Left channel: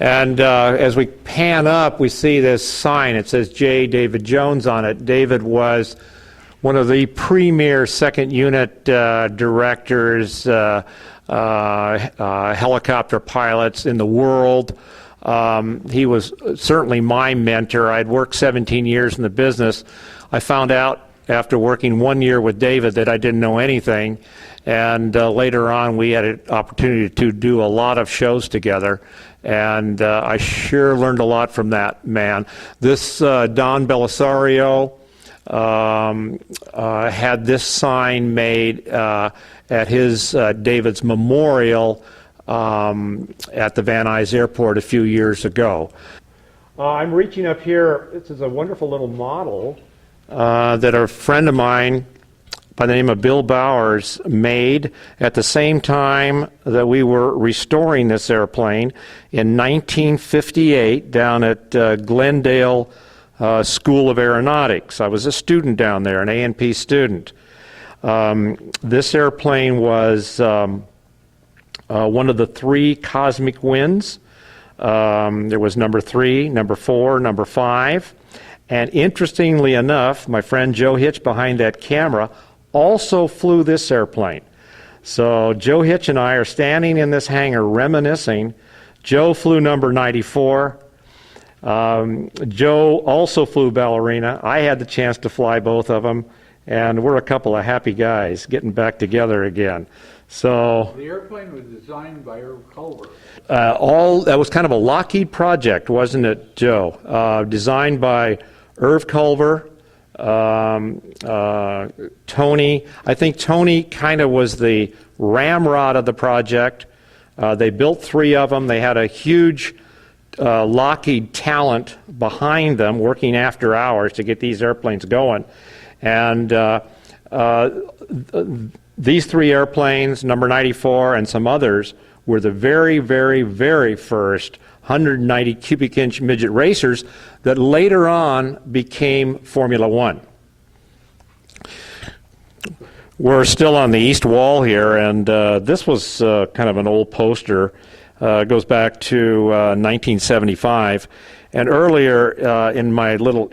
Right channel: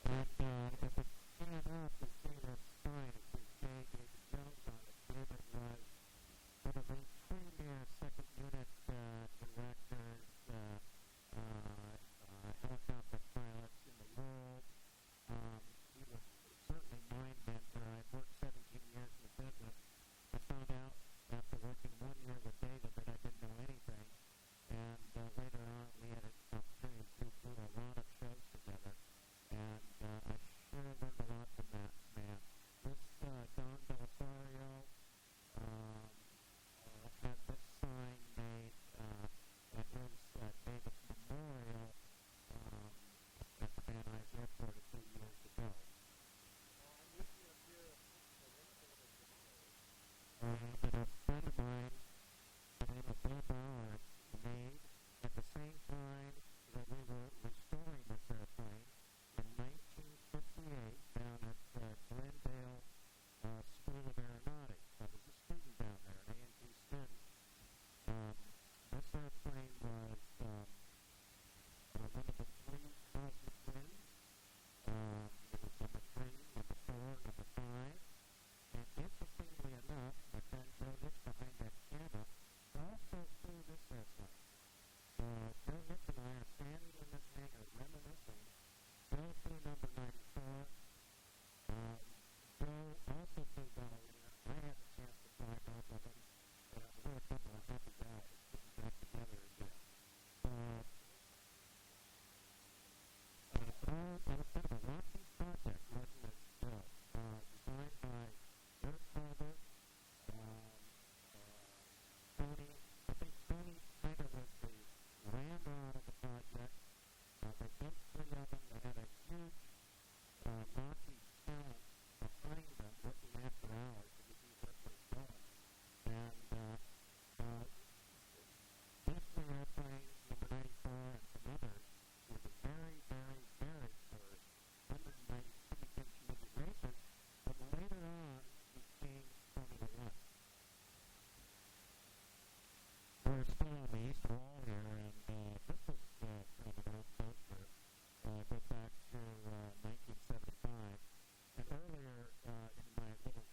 And as we pan up, we see this sign. It says J. David Jones on it. David was one of the premier second unit directors, helicopter pilots in the world. He was certainly my mentor. I'd worked 17 years in the business. I found out after working 1 year with David that I didn't know anything. And later on, we had an opportunity to do a lot of shows together. And I sure learned a lot from that man. This Don Belisario had this sign made at his David's memorial at the Van Nuys Airport a few years ago. I'm reaching up here. This is a wonderful little model that a friend of mine by the name of Bill Bowers made at the same time that we were restoring this airplane in 1958 down at Glendale School of Aeronautics. I was a student down there, an A&P student. This airplane was one of the 3 cosmic winds. There was number 3, number 4, number 5. And interestingly enough, my friend Joe Hitch behind that camera also flew this airplane. So Joe Hitch and I are standing in this hangar reminiscing. Joe flew number 94. Joe also flew Ballerina. I had the chance to fly both of them, and we're a couple of happy guys getting back together again. So the airplane was designed by Irv Culver. That was kind of a Lockheed project, wasn't it, Joe? Designed by Irv Culver, Tony. I think Tony kind of was the ramrod of the project. They built 3 of them. They had a huge Lockheed talent behind them working after hours to get these airplanes going. And these 3 airplanes, number 94 and some others, were the very, very, very first 190 cubic inch midget racers that later on became Formula One. We're still on the east wall here, and this was kind of an old poster. It goes back to 1975. And earlier in my little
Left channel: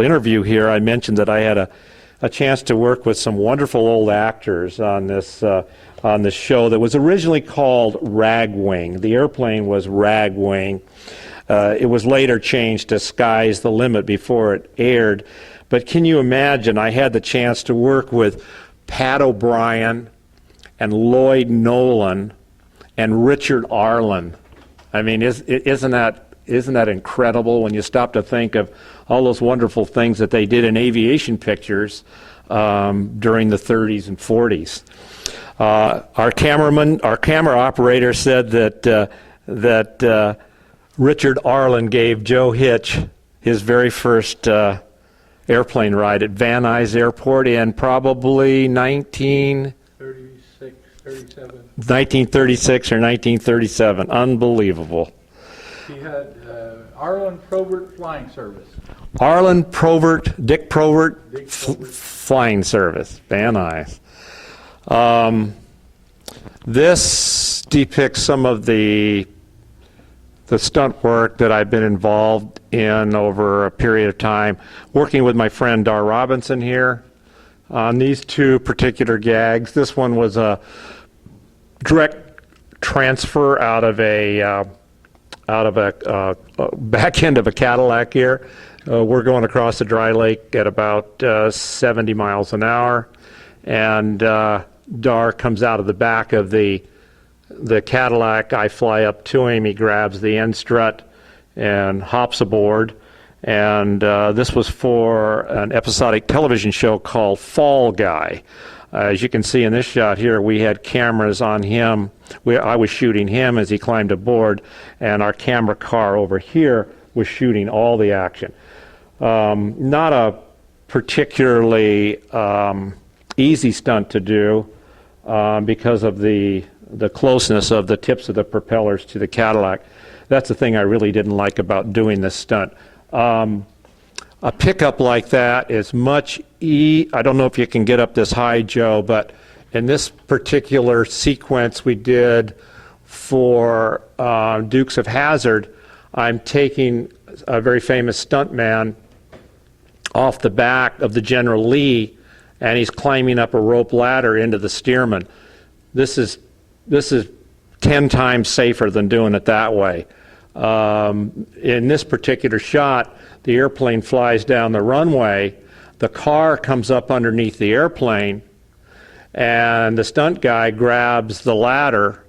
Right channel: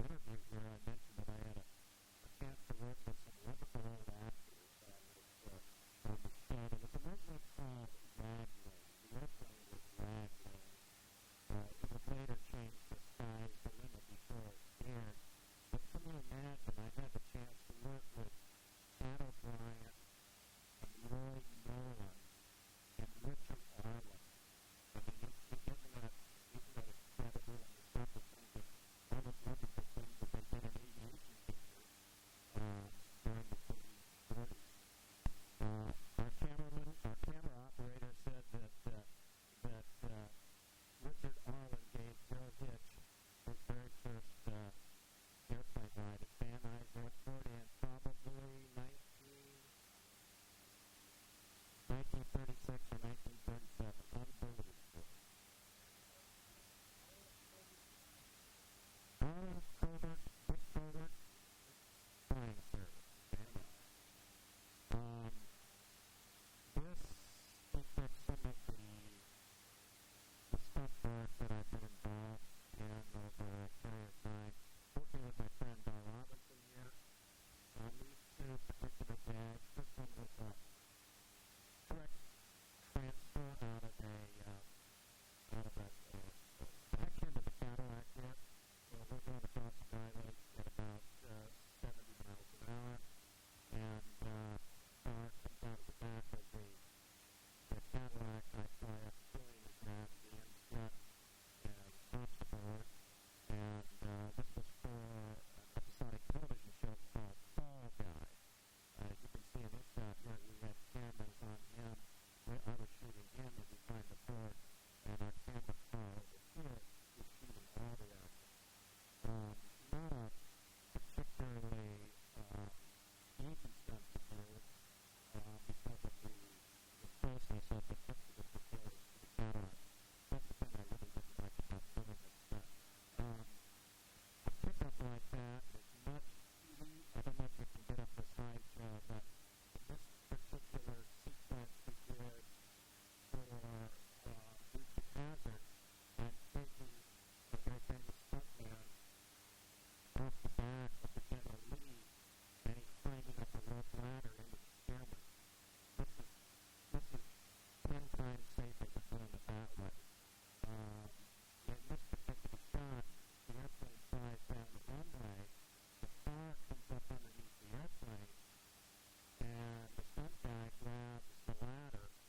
interview here, I mentioned that I had a chance to work with some wonderful old actors on this show that was originally called Ragwing. The airplane was Ragwing. It was later changed to Sky's the Limit before it aired. But can you imagine, I had the chance to work with Pat O'Brien and Lloyd Nolan and Richard Arlen. I mean, isn't that incredible when you stop to think of all those wonderful things that they did in aviation pictures during the 30s and 40s. Our camera operator said that Richard Arlen gave Joe Hitch his very first airplane ride at Van Nuys Airport in probably 1936 or 1937. Unbelievable. He had Arlen Probert Flying Service. Arlen Probert, Dick Probert, Flying Service, Van Nuys. This depicts some of the stunt work that I've been involved in over a period of time, working with my friend Dar Robinson here on these 2 particular gags. This one was a direct transfer out of a back end of a Cadillac here. We're going across the dry lake at about 70 miles an hour, and Dar comes out of the back of the Cadillac. I fly up to him. He grabs the end strut and hops aboard. And this was for an episodic television show called Fall Guy. As you can see in this shot here, we had cameras on him. I was shooting him as he climbed aboard, and our camera car over here was shooting all the action. Not a particularly easy stunt to do because of the closeness of the tips of the propellers to the Cadillac. That's the thing I really didn't like about doing this stunt. A pickup like that is much I don't know if you can get up this high, Joe, but in this particular sequence we did for Dukes of Hazzard, I'm taking a very famous stuntman off the back of the General Lee, and he's climbing up a rope ladder into the Stearman. This is 10 times safer than doing it that way. In this particular shot, the airplane flies down the runway, the car comes up underneath the airplane, and the stunt guy grabs the ladder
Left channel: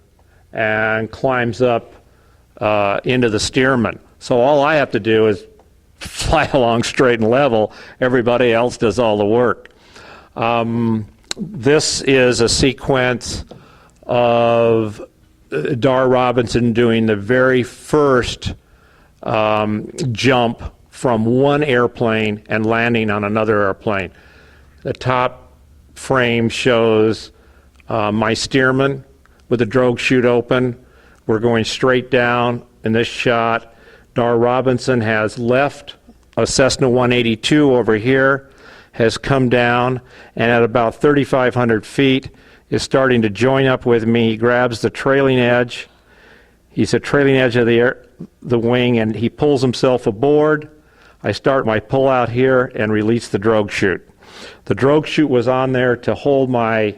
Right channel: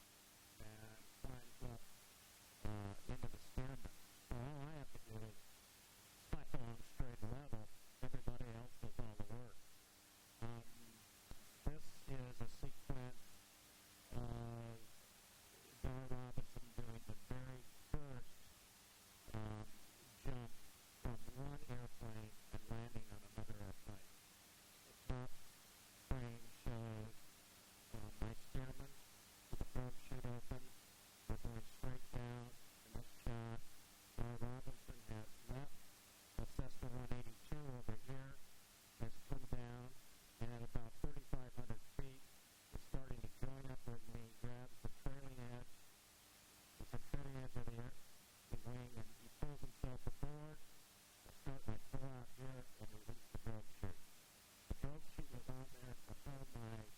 and climbs up into the Stearman. So all I have to do is fly along straight and level. Everybody else does all the work. This is a sequence of Dar Robinson doing the very first jump from one airplane and landing on another airplane. The top frame shows my Stearman with the drogue chute open. We're going straight down in this shot. Dar Robinson has left a Cessna 182 over here, has come down, and at about 3,500 feet is starting to join up with me. He grabs the trailing edge. He's at trailing edge of the wing, and he pulls himself aboard. I start my pull out here and release the drogue chute. The drogue chute was on there to hold my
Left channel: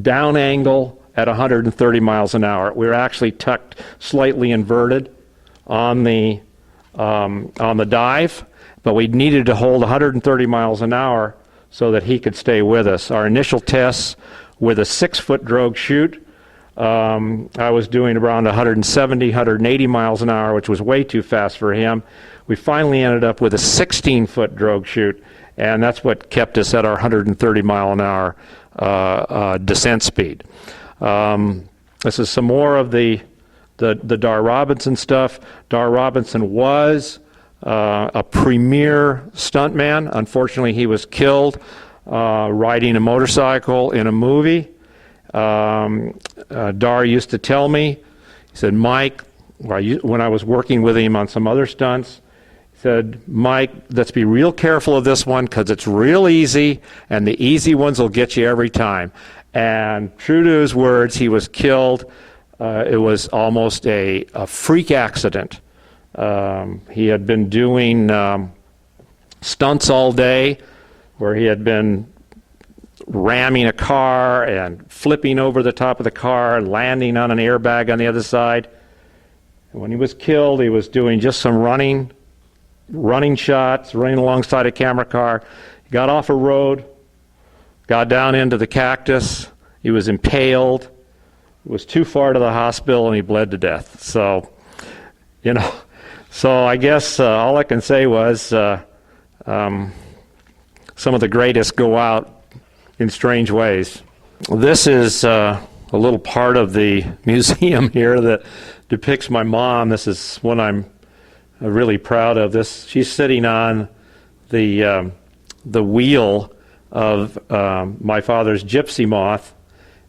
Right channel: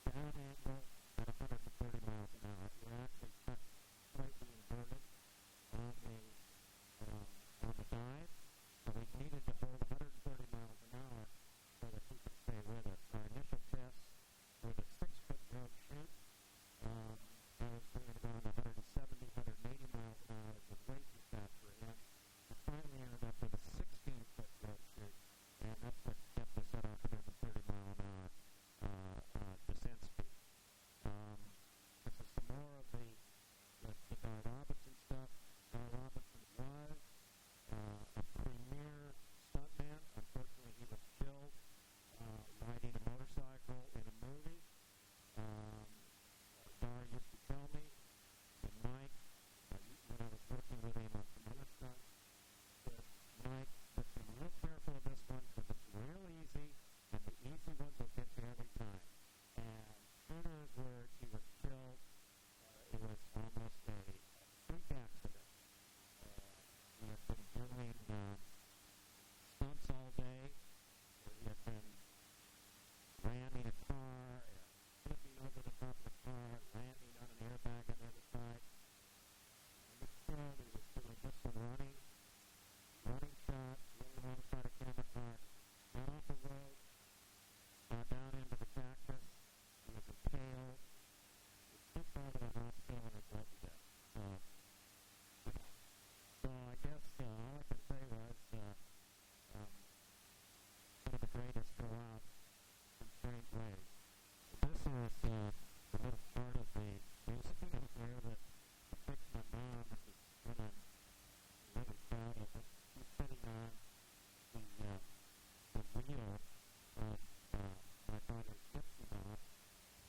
down angle at 130 miles an hour. We were actually tucked slightly inverted on the dive, but we needed to hold 130 miles an hour so that he could stay with us. Our initial tests with a 6-foot drogue chute, I was doing around 170, 180 miles an hour, which was way too fast for him. We finally ended up with a 16-foot drogue chute, and that's what kept us at our 130 mile an hour descent speed. This is some more of the Dar Robinson stuff. Dar Robinson was a premier stuntman. Unfortunately, he was killed riding a motorcycle in a movie. Dar used to tell me, he said, Mike, when I was working with him on some other stunts, he said, Mike, let's be real careful of this one because it's real easy, and the easy ones will get you every time. And true to his words, he was killed. It was almost a freak accident. He had been doing stunts all day where he had been ramming a car and flipping over the top of the car and landing on an airbag on the other side. And when he was killed, he was doing just some running shots, running alongside a camera car. He got off a road, got down into the cactus. He was impaled. It was too far to the hospital, and he bled to death. So, so I guess all I can say was some of the greatest go out in strange ways. This is a little part of the museum here that depicts my mom. This is one I'm really proud of. She's sitting on the wheel of my father's Gypsy Moth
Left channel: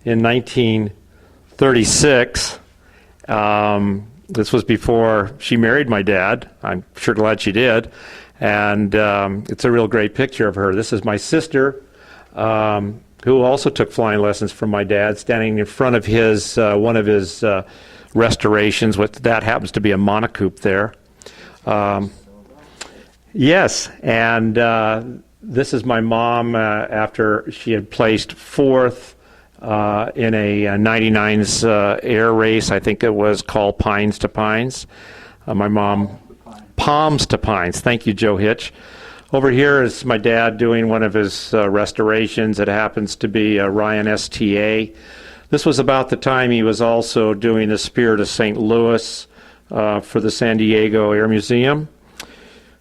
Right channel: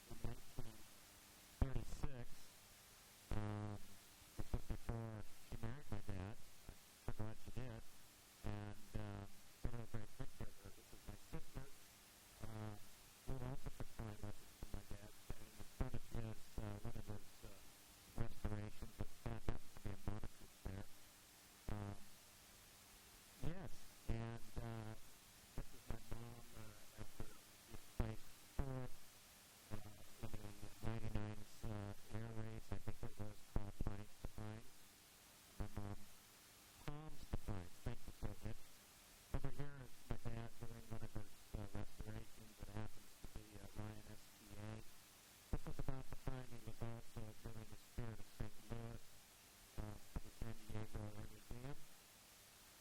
in 1936. This was before she married my dad. I'm sure glad she did. And it's a real great picture of her. This is my sister, who also took flying lessons from my dad, standing in front of his one of his restorations. That happens to be a monocoop there. Yes, and this is my mom after she had placed fourth in a 99's air race. I think it was called Pines to Pines. My mom, Palms to Pines. Thank you, Joe Hitch. Over here is my dad doing one of his restorations. It happens to be a Ryan STA. This was about the time he was also doing the Spirit of St. Louis for the San Diego Air Museum.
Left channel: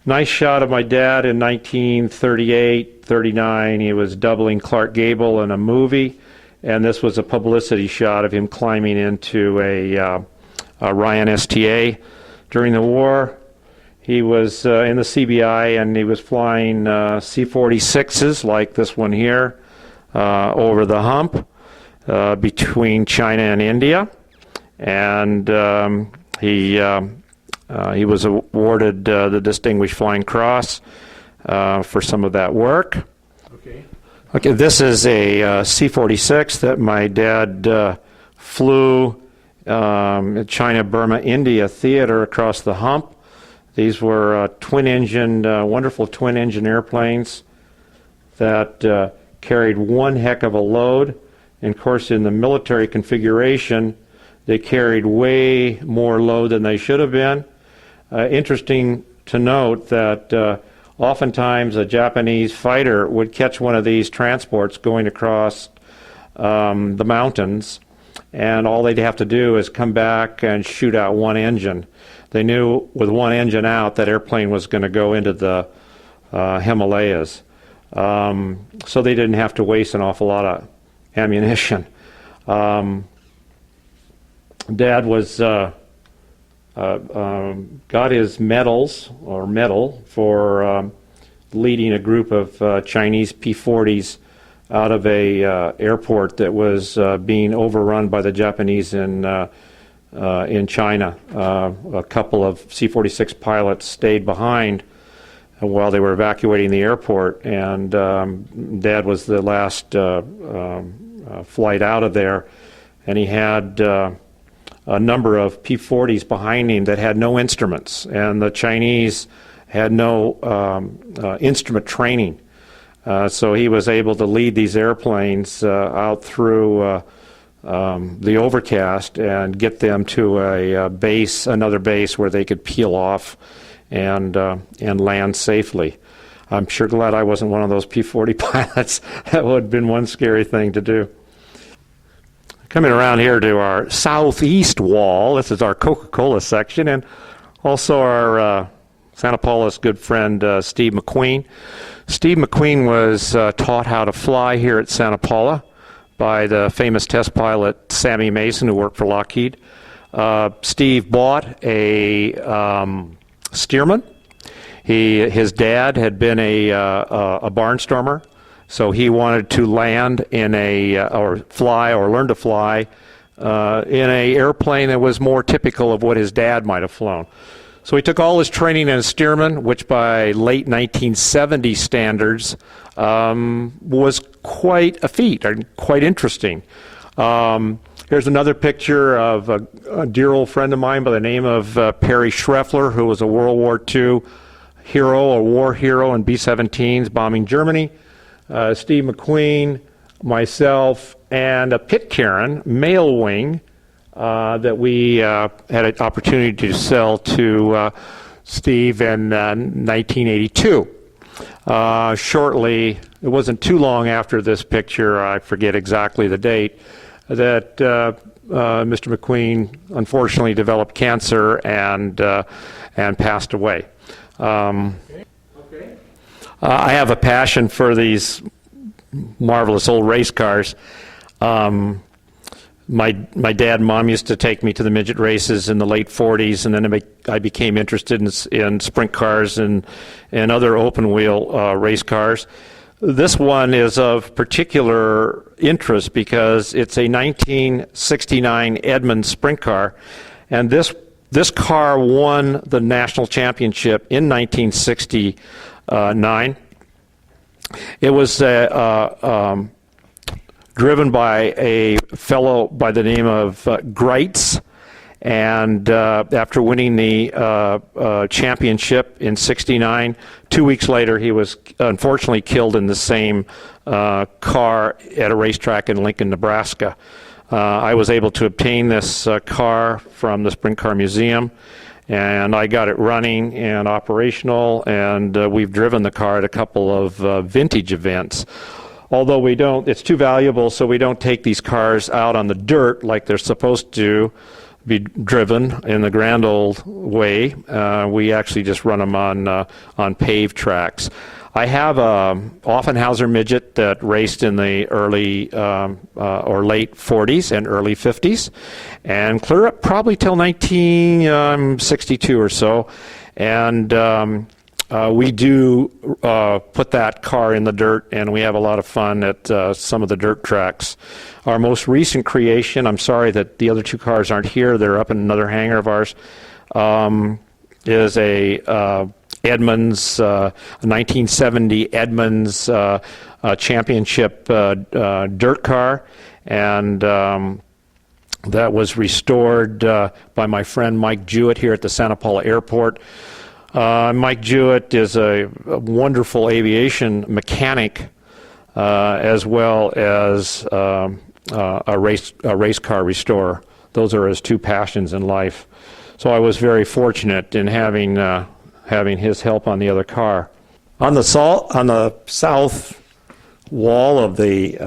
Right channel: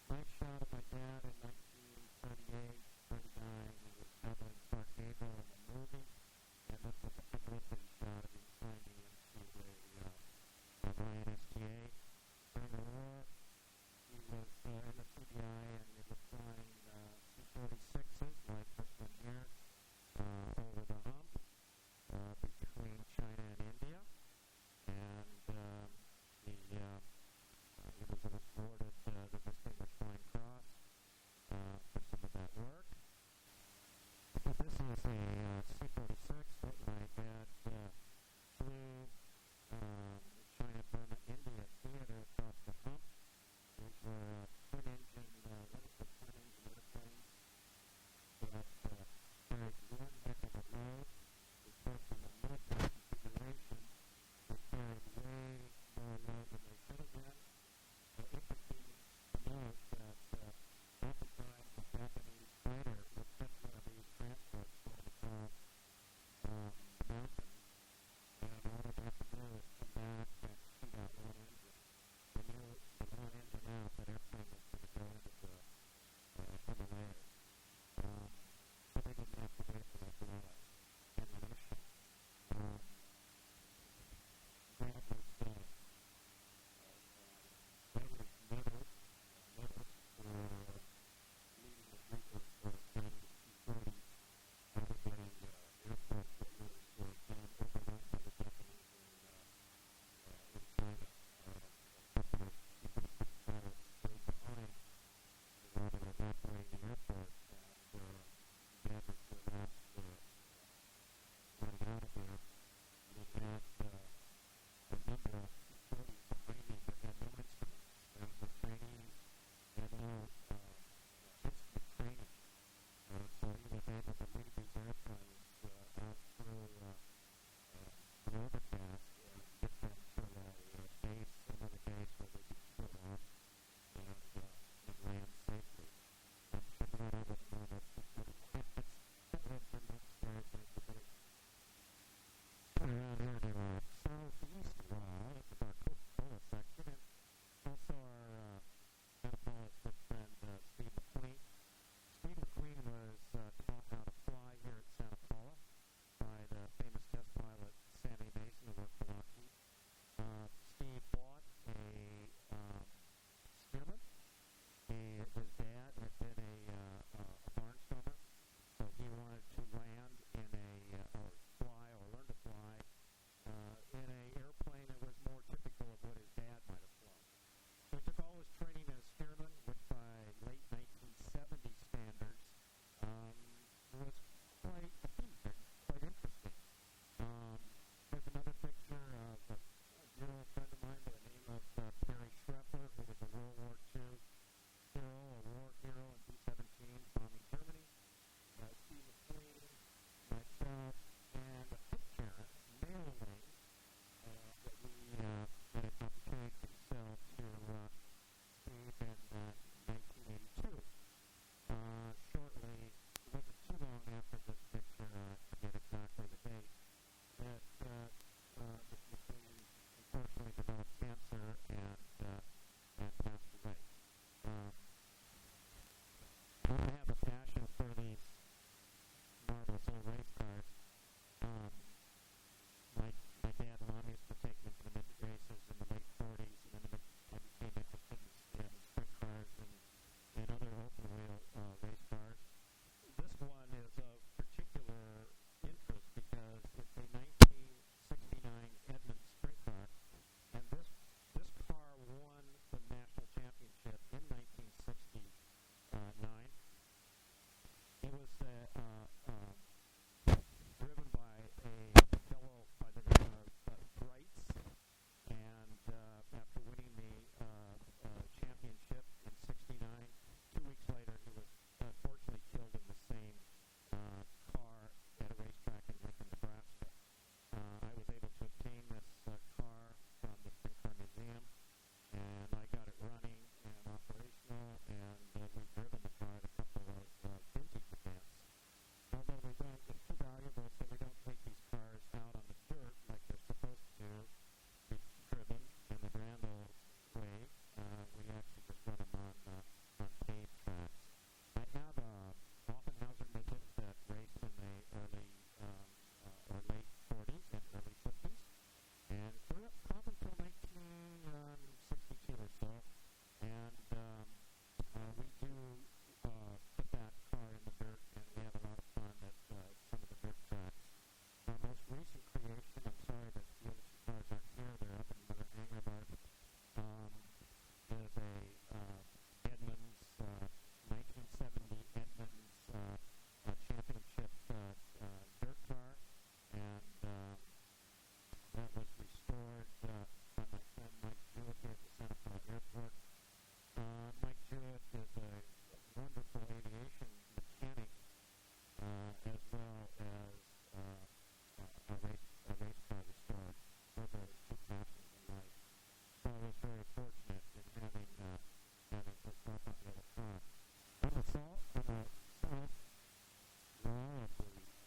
Nice shot of my dad in 1938, 39. He was doubling Clark Gable in a movie, and this was a publicity shot of him climbing into a Ryan STA. During the war, he was in the CBI, and he was flying C-46s like this one here over the hump between China and India, and he was awarded the Distinguished Flying Cross for some of that work. Okay, this is a C-46 that my dad flew China, Burma, India theater across the hump. These were twin-engine, wonderful twin-engine airplanes that carried one heck of a load. And of course, in the military configuration, they carried way more load than they should have been. Interesting to note that oftentimes a Japanese fighter would catch one of these transports going across the mountains, and all they'd have to do is come back and shoot out one engine. They knew with one engine out that airplane was going to go into the Himalayas. So they didn't have to waste an awful lot of ammunition. Dad was got his medal for leading a group of Chinese P-40s out of a airport that was being overrun by the Japanese in China. A couple of C-46 pilots stayed behind while they were evacuating the airport, and Dad was the last flight out of there, and he had a number of P-40s behind him that had no instruments, and the Chinese had no instrument training. So he was able to lead these airplanes out through the overcast and get them to a base, another base where they could peel off and land safely. I'm sure glad I wasn't one of those P-40 pilots. That would have been one scary thing to do. Coming around here to our southeast wall, this is our Coca-Cola section, and also our Santa Paula's good friend Steve McQueen. Steve McQueen was taught how to fly here at Santa Paula by the famous test pilot Sammy Mason, who worked for Lockheed. Steve bought a Stearman. His dad had been a barnstormer, so he wanted to land in or fly or learn to fly in a airplane that was more typical of what his dad might have flown. So he took all his training in a Stearman, which by late 1970 standards was quite a feat, or quite interesting. Here's another picture of a dear old friend of mine by the name of Perry Schreffler, who was a World War II hero, a war hero in B-17s bombing Germany. Steve McQueen, myself, and a Pitcairn male wing that we had an opportunity to sell to Steve in 1982. Shortly, it wasn't too long after this picture, I forget exactly the date, that Mr. McQueen unfortunately developed cancer and passed away. I have a passion for these marvelous old race cars. My dad and mom used to take me to the midget races in the late 40s, and then I became interested in sprint cars and other open wheel race cars. This one is of particular interest because it's a 1969 Edmunds sprint car, and this car won the national championship in 1969. It was driven by a fellow by the name of Greitz, and after winning the championship in '69, 2 weeks later he was unfortunately killed in the same car at a racetrack in Lincoln, Nebraska. I was able to obtain this car from the Sprint Car Museum, and I got it running and operational, and we've driven the car at a couple of vintage events. Although it's too valuable, so we don't take these cars out on the dirt like they're supposed to be driven in the grand old way. We actually just run them on paved tracks. I have a Offenhauser midget that raced in the early or late 40s and early 50s, and clear up probably till 1962 or so. And we do put that car in the dirt, and we have a lot of fun at some of the dirt tracks. Our most recent creation, I'm sorry that the other two cars aren't here, they're up in another hangar of ours, is a Edmunds, 1970 Edmunds championship dirt car, and that was restored by my friend Mike Jewett here at the Santa Paula Airport. Mike Jewett is a wonderful aviation mechanic as well as a race car restorer. Those are his two passions in life. So I was very fortunate in having his help on the other car. On the south wall of the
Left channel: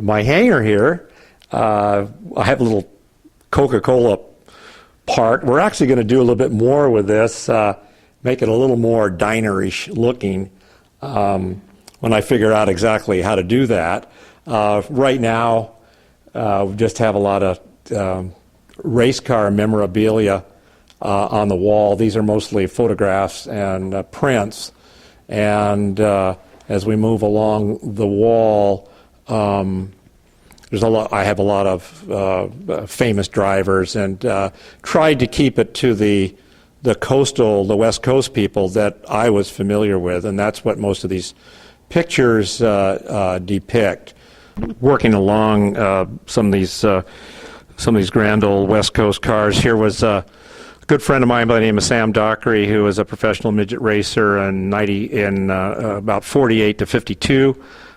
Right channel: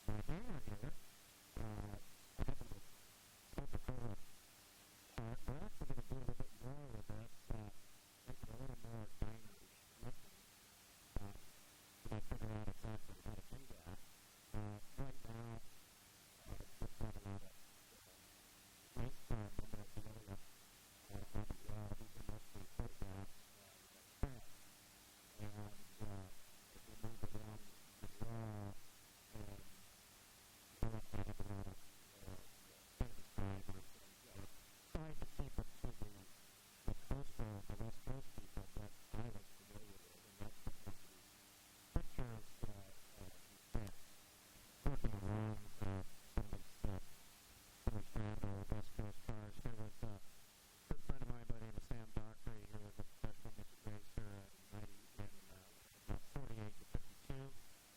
my hangar here, I have a little Coca-Cola part. We're actually going to do a little bit more with this, make it a little more dinerish looking when I figure out exactly how to do that. Right now, we just have a lot of race car memorabilia on the wall. These are mostly photographs and prints. And as we move along the wall, I have a lot of famous drivers, and tried to keep it to the West Coast people that I was familiar with, and that's what most of these pictures depict. Working along some of these grand old West Coast cars. Here was a good friend of mine by the name of Sam Dockery, who was a professional midget racer in about 48 to 52.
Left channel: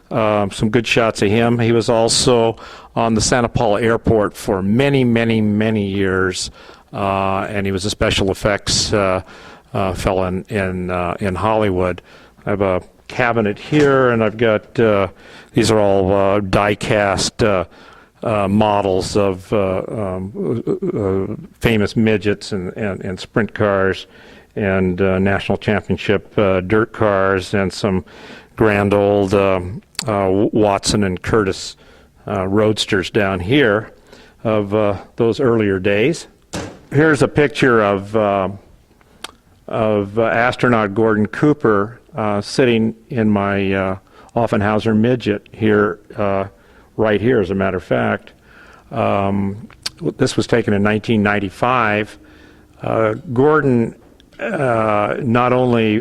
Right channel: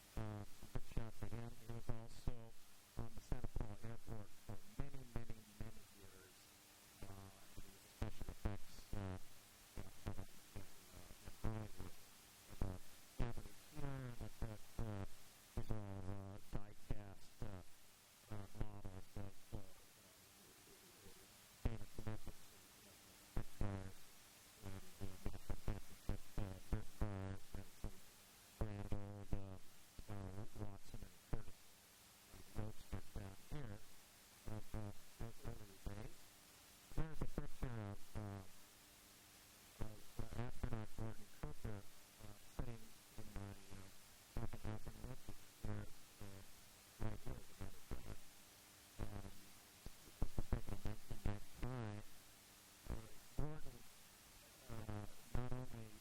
Some good shots of him. He was also on the Santa Paula Airport for many, many, many years, and he was a special effects fellow in Hollywood. I have a cabinet here, and I've got these are all die-cast models of famous midgets and sprint cars and national championship dirt cars, and some grand old Watson and Curtis roadsters down here of those earlier days. Here's a picture of astronaut Gordon Cooper sitting in my Offenhauser midget here, right here, as a matter of fact. This was taken in 1995. Gordon, not only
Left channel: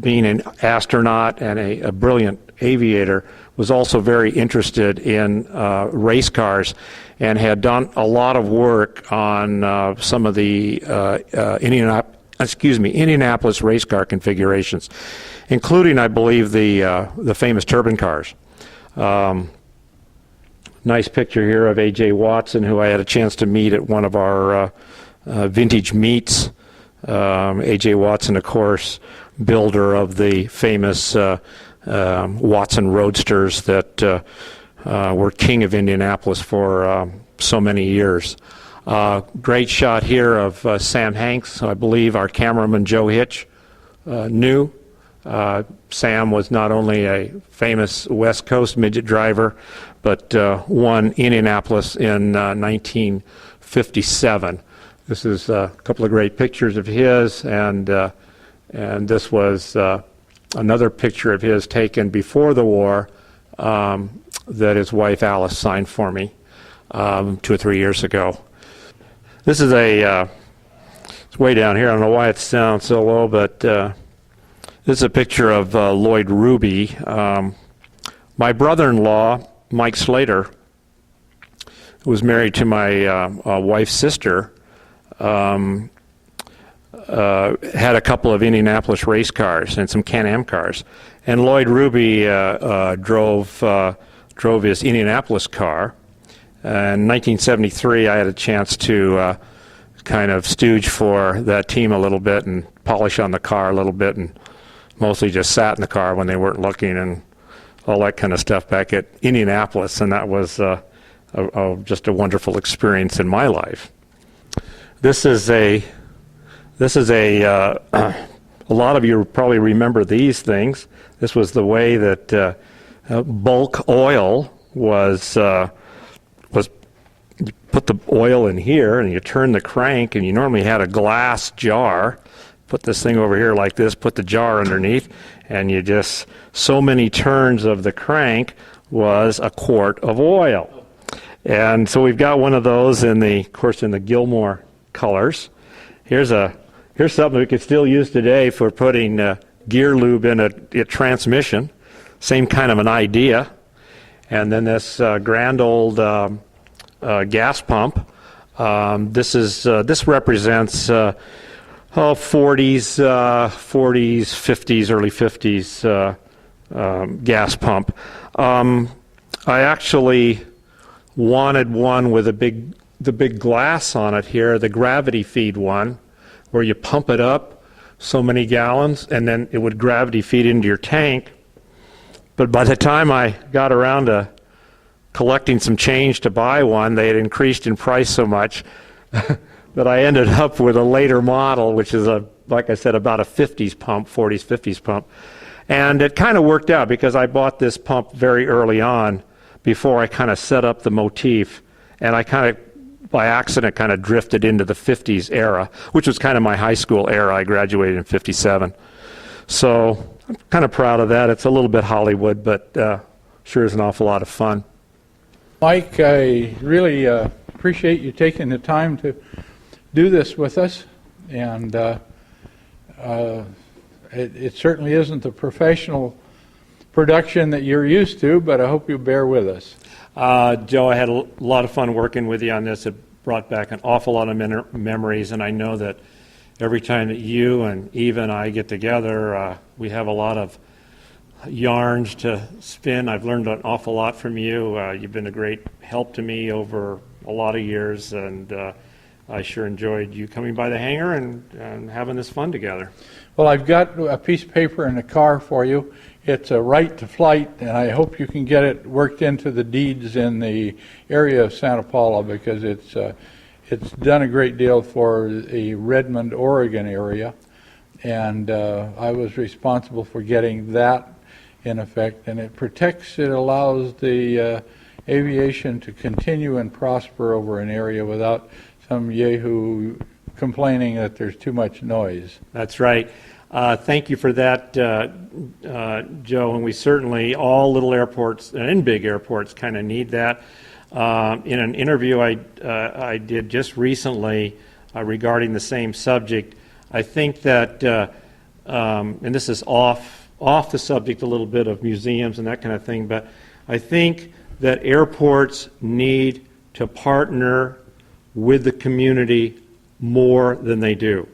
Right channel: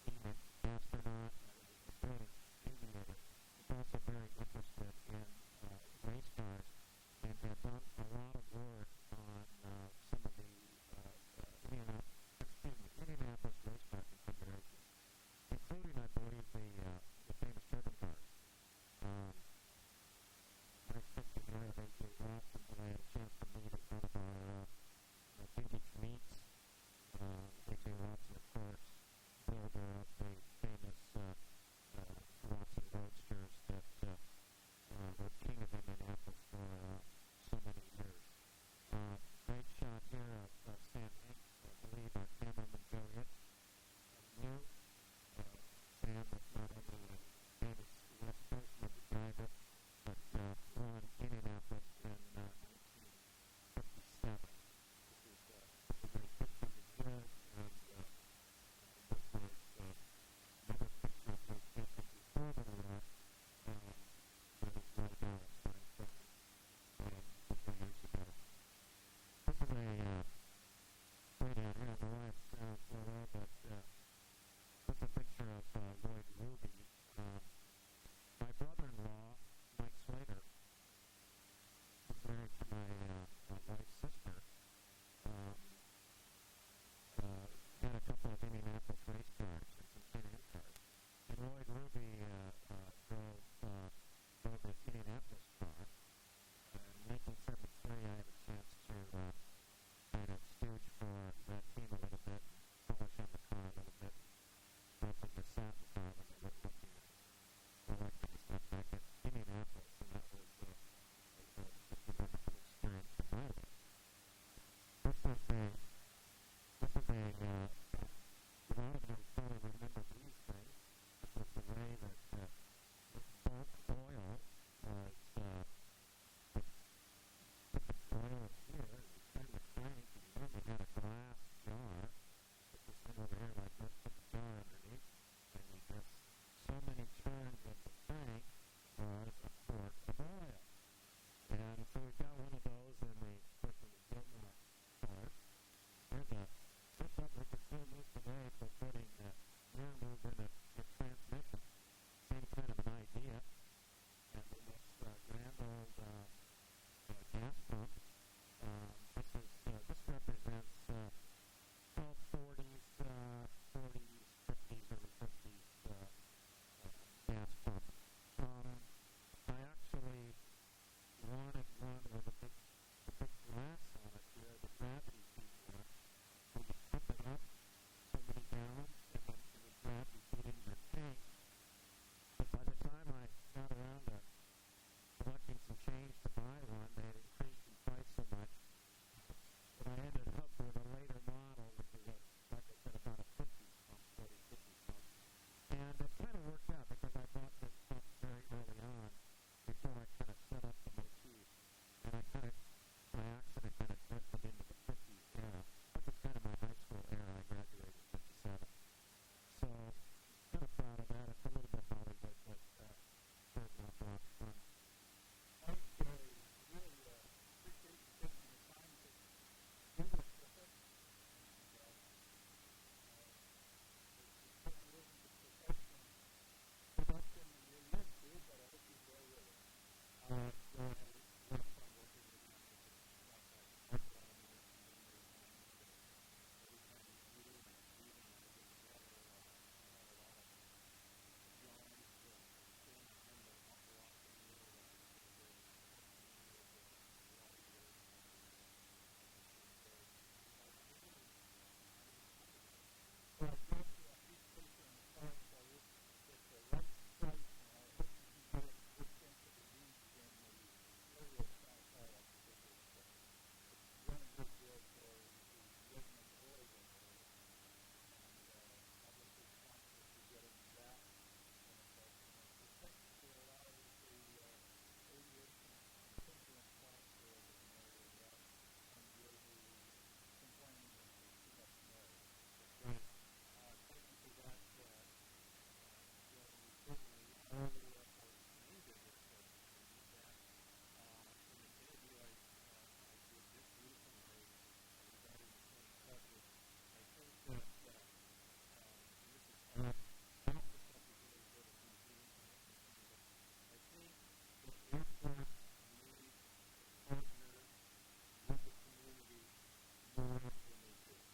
being an astronaut and a brilliant aviator, was also very interested in race cars, and had done a lot of work on some of the Indianapolis race car configurations, including, I believe, the famous turbine cars. Nice picture here of A.J. Watson, who I had a chance to meet at one of our vintage meets. A.J. Watson, of course, builder of the famous Watson Roadsters that were king of Indianapolis for so many years. Great shot here of Sam Hanks, I believe our cameraman Joe Hitch knew. Sam was not only a famous West Coast midget driver, but won Indianapolis in 1957. This is a couple of great pictures of his, and this was another picture of his taken before the war that his wife Alice signed for me 2 or 3 years ago. This is it's way down here. I don't know why it sounds so low, but this is a picture of Lloyd Ruby. My brother-in-law, Mike Slater, who was married to my wife's sister, had a couple of Indianapolis race cars and some Can-Am cars. And Lloyd Ruby drove his Indianapolis car. In 1973, I had a chance to kind of stooge for that team a little bit and polish on the car a little bit, and mostly just sat in the car when they weren't looking and all that kind of stuff back at Indianapolis, and that was just a wonderful experience in my life. This is a lot of you probably remember these things. This was the way that bulk oil was you put the oil in here and you turn the crank, and you normally had a glass jar. Put this thing over here like this, put the jar underneath, and you just, so many turns of the crank was a quart of oil. And so we've got one of those of course, in the Gilmore colors. Here's something we could still use today for putting gear lube in a transmission. Same kind of an idea. And then this grand old gas pump. This represents 40s, 50s, early 50s gas pump. I actually wanted one with the big glass on it here, the gravity feed one, where you pump it up so many gallons and then it would gravity feed into your tank. But by the time I got around to collecting some change to buy one, they had increased in price so much that I ended up with a later model, which is, like I said, about a 50s pump, 40s, 50s pump. And it kind of worked out because I bought this pump very early on before I kind of set up the motif. And I kind of, by accident, kind of drifted into the 50s era, which was kind of my high school era. I graduated in 57. So I'm kind of proud of that. It's a little bit Hollywood, but sure is an awful lot of fun. Mike, I really appreciate you taking the time to do this with us, and it certainly isn't the professional production that you're used to, but I hope you bear with us. Joe, I had a lot of fun working with you on this. It brought back an awful lot of memories, and I know that every time that you and Eva and I get together, we have a lot of yarns to spin. I've learned an awful lot from you. You've been a great help to me over a lot of years, and I sure enjoyed you coming by the hangar and having this fun together. Well, I've got a piece of paper in the car for you. It's a right to flight, and I hope you can get it worked into the deeds in the area of Santa Paula, because it's done a great deal for the Redmond, Oregon area, and I was responsible for getting that in effect, and it allows the aviation to continue and prosper over an area without some yahoo complaining that there's too much noise. That's right. Thank you for that, Joe, and we certainly, all little airports and big airports kind of need that. In an interview I did just recently regarding the same subject, I think that, and this is off the subject a little bit of museums and that kind of thing, but I think that airports need to partner with the community more than they do.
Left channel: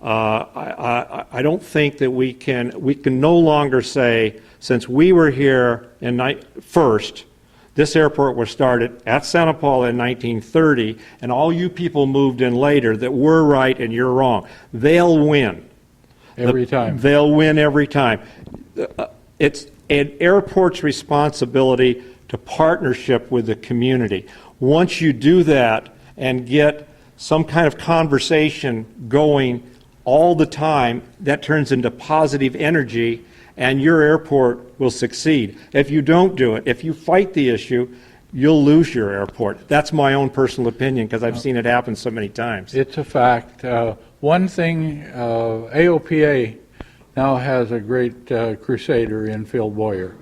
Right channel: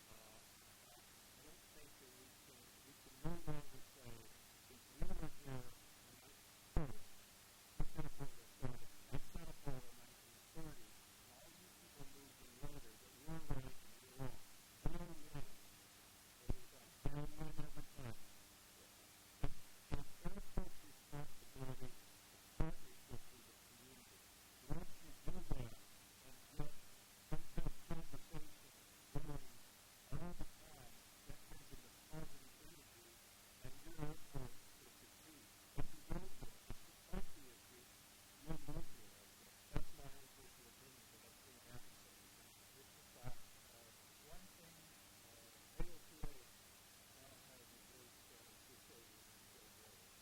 I don't think that we can no longer say, since we were here first, this airport was started at Santa Paula in 1930, and all you people moved in later, that we're right and you're wrong. They'll win. Every time. They'll win every time. It's an airport's responsibility to partnership with the community. Once you do that and get some kind of conversation going all the time, that turns into positive energy, and your airport will succeed. If you don't do it, if you fight the issue, you'll lose your airport. That's my own personal opinion, because I've seen it happen so many times. It's a fact. One thing, AOPA now has a great crusader in Phil Boyer.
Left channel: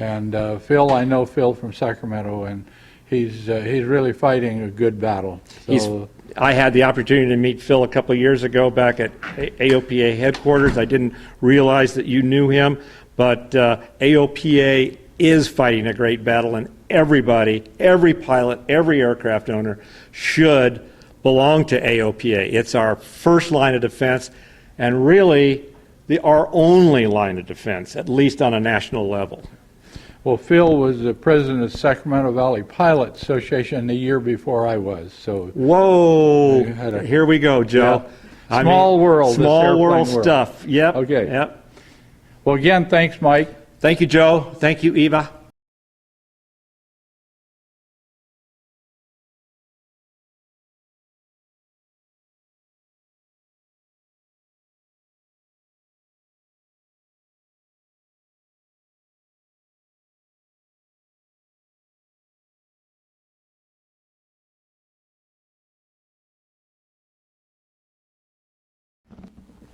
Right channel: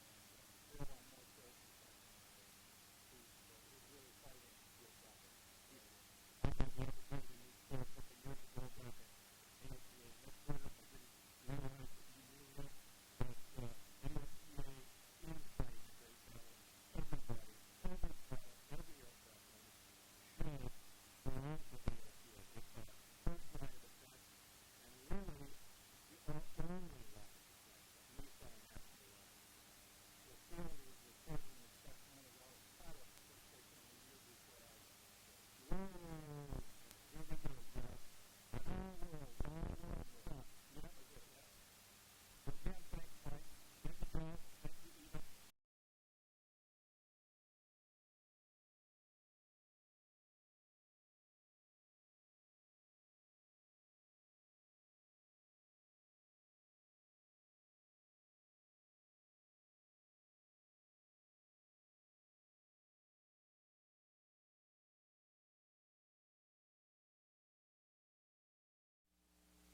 And Phil, I know Phil from Sacramento, and he's really fighting a good battle. So, I had the opportunity to meet Phil a couple of years ago back at AOPA headquarters. I didn't realize that you knew him, but AOPA is fighting a great battle, and everybody, every pilot, every aircraft owner should belong to AOPA. It's our first line of defense, and really our only line of defense, at least on a national level. well, Phil was the president of Sacramento Valley Pilot Association the year before I was. So whoa, here we go, Joe. Yeah. Small world. Small world stuff. Yep. Okay. Yep. Well, again, thanks, Mike. Thank you, Joe. Thank you, Eva.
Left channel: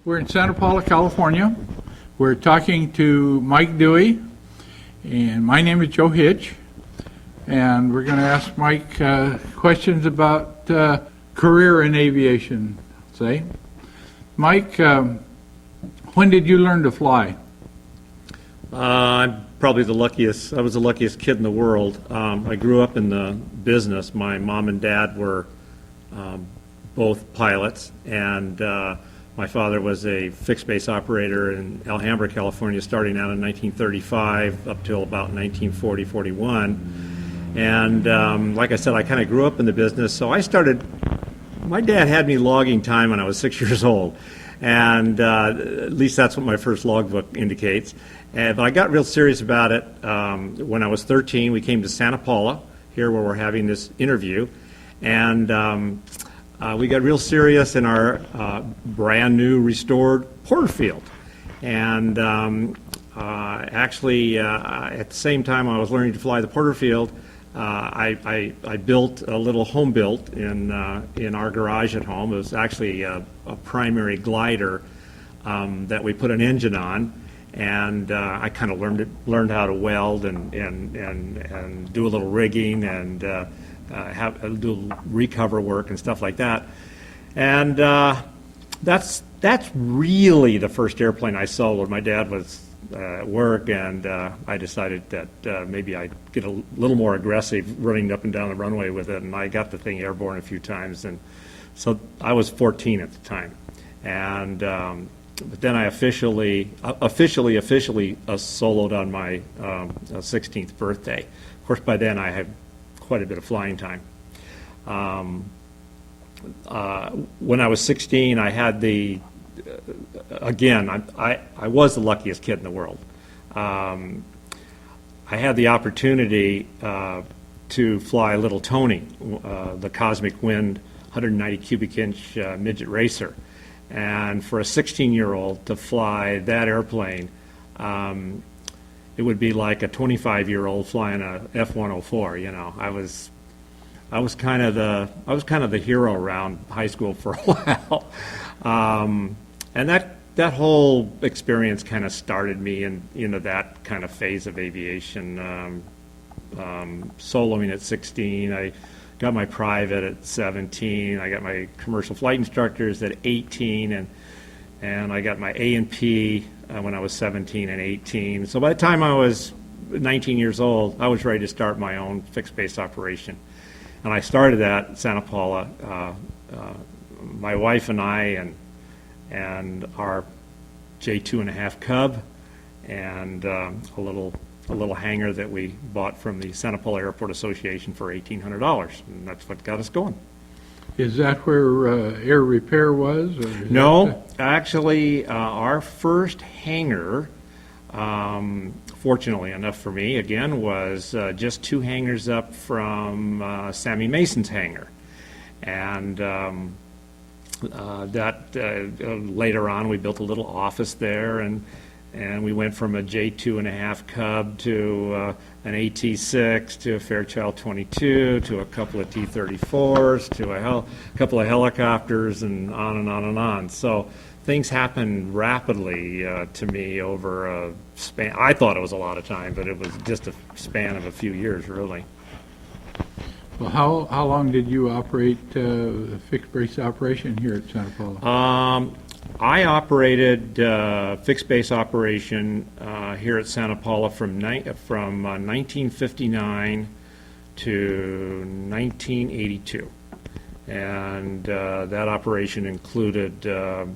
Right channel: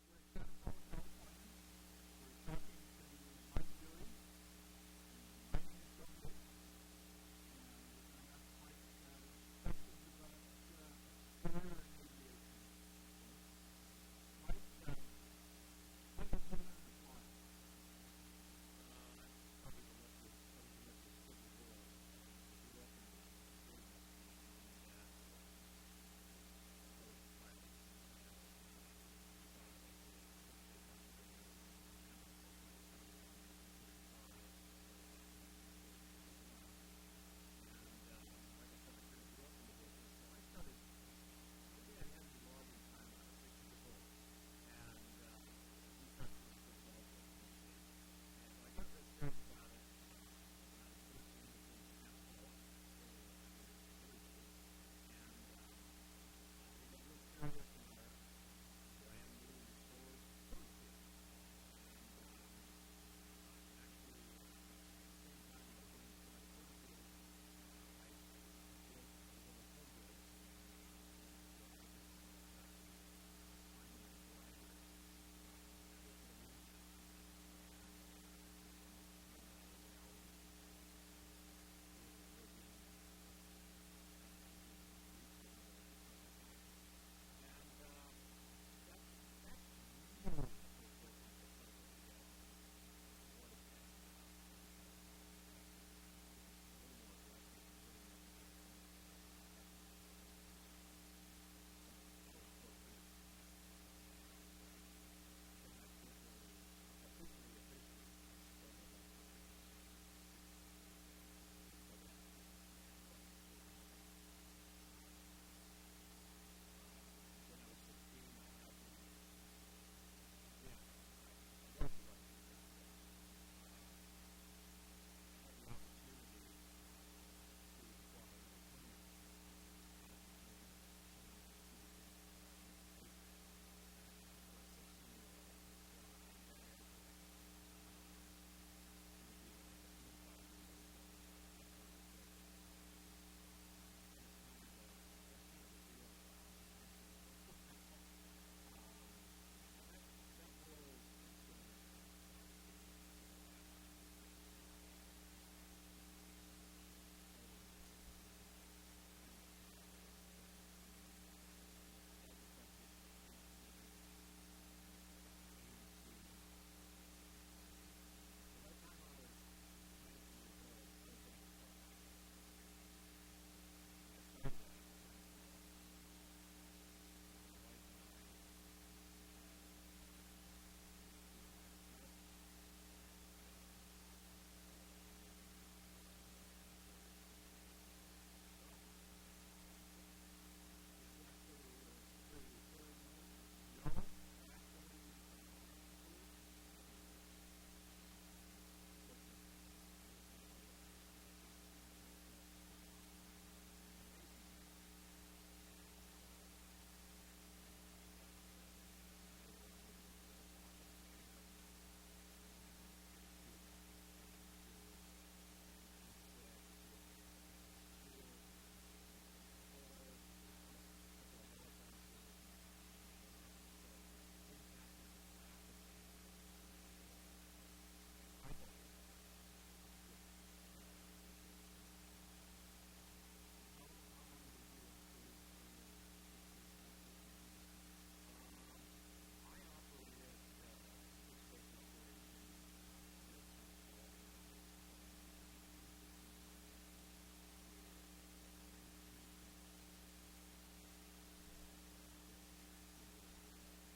We're in Santa Paula, California. We're talking to Mike Dewey, and my name is Joe Hitch, and we're going to ask Mike questions about career in aviation, say. Mike, when did you learn to fly? probably the luckiest. I was the luckiest kid in the world. I grew up in the business. My mom and dad were both pilots, and my father was a fixed base operator in Alhambra, California, starting out in 1935 up till about 1940, 41. And like I said, I kind of grew up in the business, so I started. My dad had me logging time when I was 6 years old, and at least that's what my first logbook indicates. But I got real serious about it when I was 13. We came to Santa Paula, here where we're having this interview, and we got real serious in our brand new restored Porterfield. And actually, at the same time I was learning to fly the Porterfield, I built a little home built in our garage at home. It was actually a primary glider that we put an engine on, and I kind of learned how to weld and do a little rigging and do recover work and stuff like that. And that's really the first airplane I sold when my dad was at work, and I decided that maybe I'd get a little more aggressive running up and down the runway with it, and I got the thing airborne a few times. And so I was 14 at the time. And but then I officially soloed on my 16th birthday. Of course, by then I had quite a bit of flying time. When I was 16, I had again, I was the luckiest kid in the world. I had the opportunity to fly Little Tony, the Cosmic Wind 190 cubic inch midget racer. And for a 16-year-old to fly that airplane, it would be like a 25-year-old flying a F-104. You know, I was kind of the hero around high school for a while, and that whole experience kind of started me into that kind of phase of aviation. Soloing at 16, I got my private at 17. I got my commercial flight instructors at 18, and I got my A&P when I was 17 and 18. So by the time I was 19 years old, I was ready to start my own fixed base operation. And I started that at Santa Paula. My wife and I and our J2.5 Cub and a little hangar that we bought from the Santa Paula Airport Association for $1,800, and that's what got us going. Is that where air repair was? Or No, actually, our first hangar, fortunately enough for me, again, was just 2 hangars up from Sammy Mason's hangar. And later on, we built a little office there, and we went from a J2.5 Cub to an AT-6 to a Fairchild 22 to a couple of T-34s to a couple of helicopters, and on and on and on. So things happened rapidly to me over a span. I thought it was a lot of time, but it was just a span of a few years, really. Well, how long did you operate fixed base operation here at Santa Paula? I operated fixed base operation here at Santa Paula from 1959 to 1982. And that operation included a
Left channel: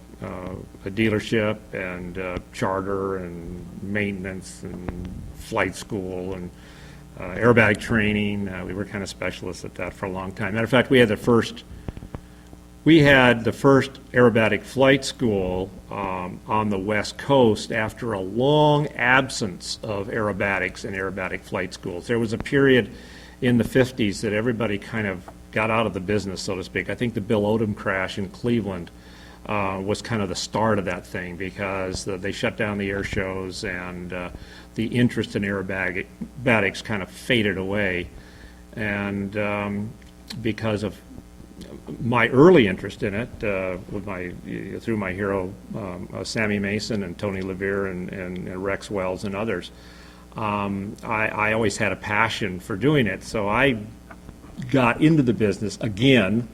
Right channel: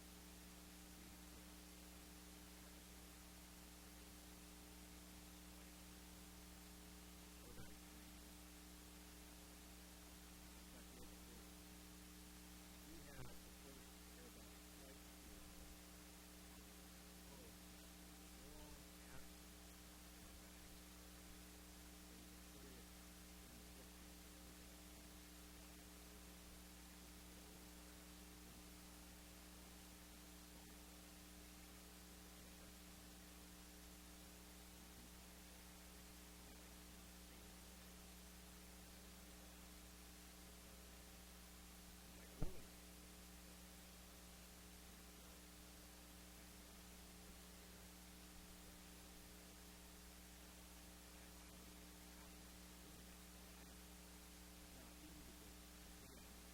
dealership and charter and maintenance and flight school and aerobatic training. We were kind of specialists at that for a long time. Matter of fact, we had the first aerobatic flight school on the West Coast after a long absence of aerobatics and aerobatic flight schools. There was a period in the 50s that everybody kind of got out of the business, so to speak. I think the Bill Odom crash in Cleveland was kind of the start of that thing, because they shut down the air shows, and the interest in aerobatics kind of faded away. And because of my early interest in it, through my hero Sammy Mason and Tony Levere and Rex Wells and others, I always had a passion for doing it. So I got into the business again,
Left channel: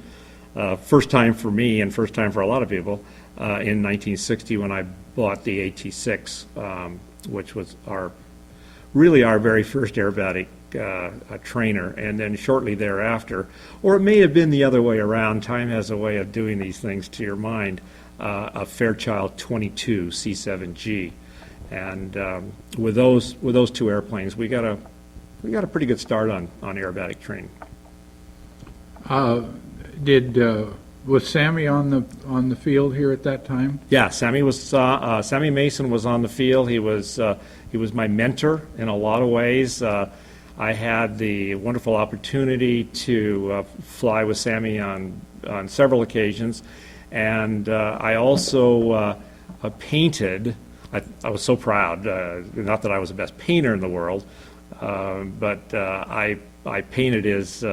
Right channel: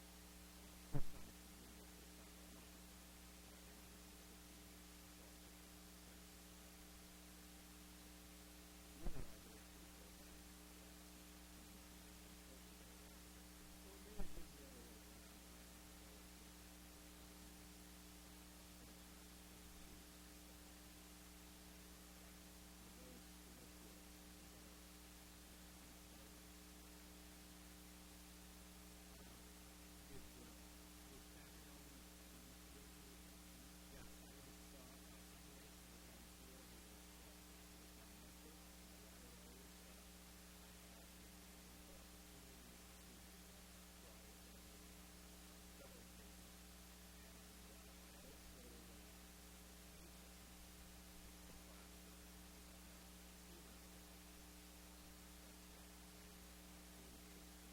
first time for me and first time for a lot of people, in 1960 when I bought the AT-6, which was our really our very first aerobatic trainer, and then shortly thereafter, or it may have been the other way around. Time has a way of doing these things to your mind. A Fairchild 22 C7G, and with those two airplanes, we got a pretty good start on aerobatic training. Was Sammy on the field here at that time? Yeah, Sammy Mason was on the field. He was my mentor in a lot of ways. I had the wonderful opportunity to fly with Sammy on several occasions, and I also painted. I was so proud. Not that I was the best painter in the world, but I painted his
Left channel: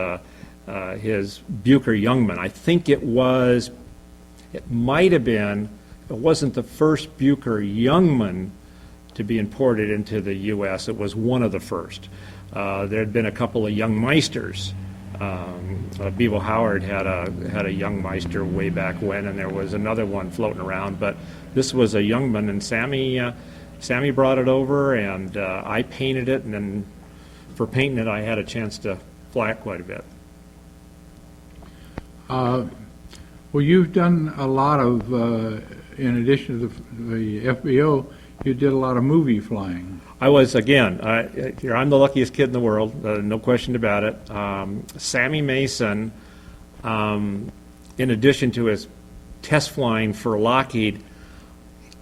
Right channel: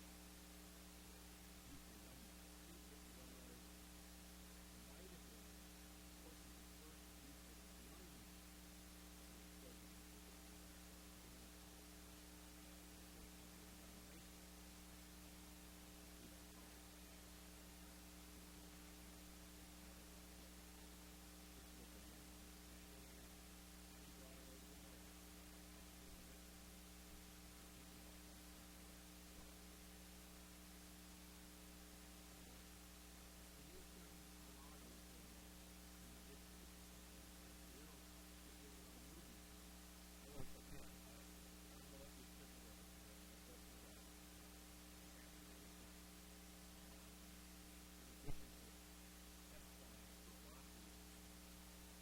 Bucher Youngman. I think it might have been. It wasn't the first Bucher Youngman to be imported into the U.S. It was one of the first. There had been a couple of young Meisters. Bevo Howard had a young Meister way back when, and there was another one floating around. But this was a Youngman, and Sammy brought it over, and I painted it. And then for painting it, I had a chance to fly it quite a bit. Well, you've done a lot of, in addition to the FBO, you did a lot of movie flying. I was, again, I'm the luckiest kid in the world, no question about it. Sammy Mason, in addition to his test flying for Lockheed,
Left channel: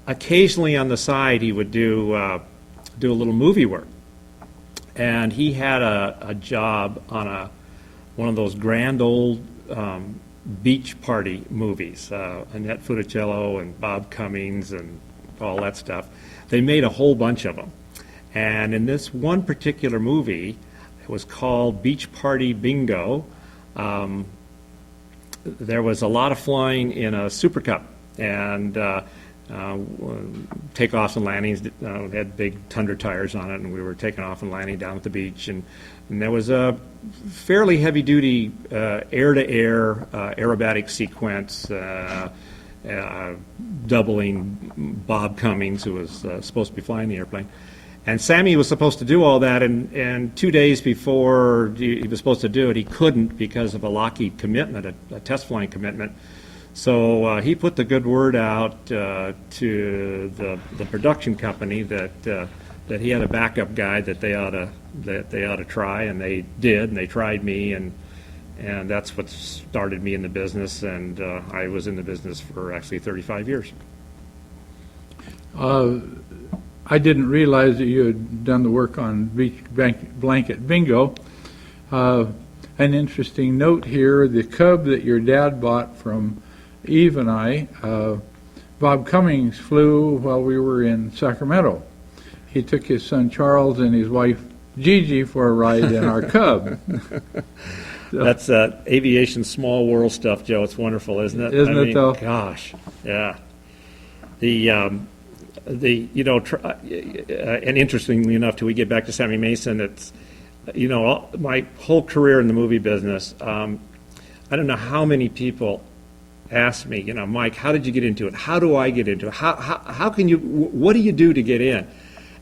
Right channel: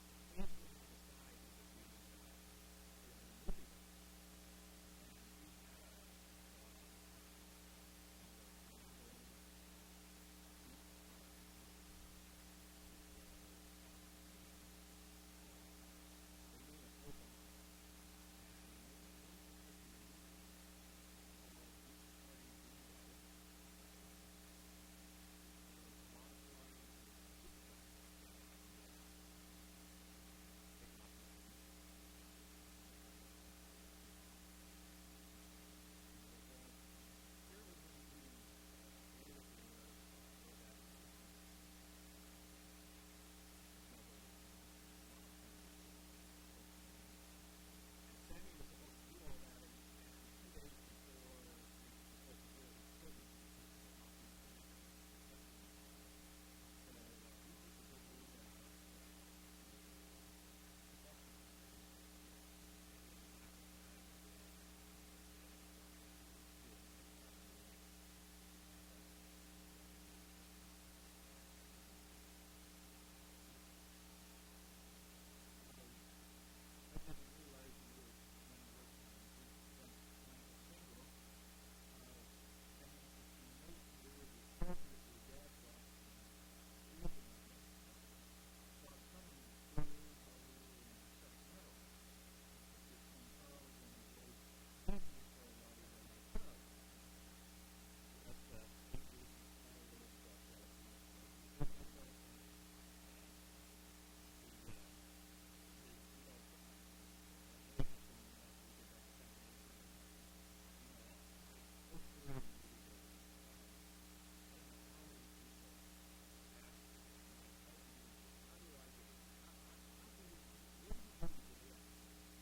occasionally on the side he would do a little movie work. And he had a job on one of those grand old beach party movies, Annette Funicello and Bob Cummings and all that stuff. They made a whole bunch of them. And in this one particular movie, it was called Beach Party Bingo, there was a lot of flying in a Super Cup, and takeoffs and landings had big Tundra tires on it, and we were taking off and landing down at the beach, and there was a fairly heavy-duty air-to-air aerobatic sequence doubling Bob Cummings, who was supposed to be flying the airplane. And Sammy was supposed to do all that, and 2 days before he was supposed to do it, he couldn't because of a Lockheed commitment, a test flying commitment. So he put the good word out to the production company that he had a backup guy that they ought to try, and they did, and they tried me, and that's what started me in the business, and I was in the business for actually 35 years. I didn't realize that you had done the work on Beach Blanket Bingo. An interesting note here, the Cub that your dad bought from Eve and I, Bob Cummings flew while we were in Sacramento. He took his son Charles and his wife Gigi for a ride in our Cub. So, that's aviation small world stuff, Joe. It's wonderful, isn't it? Isn't it, though? Gosh, yeah. And interestingly enough, till we get back to Sammy Mason, it's, my whole career in the movie business, I don't know how many people ask me, Mike, how did you get into it? How do I get into it? How can you, what do you do to get in? And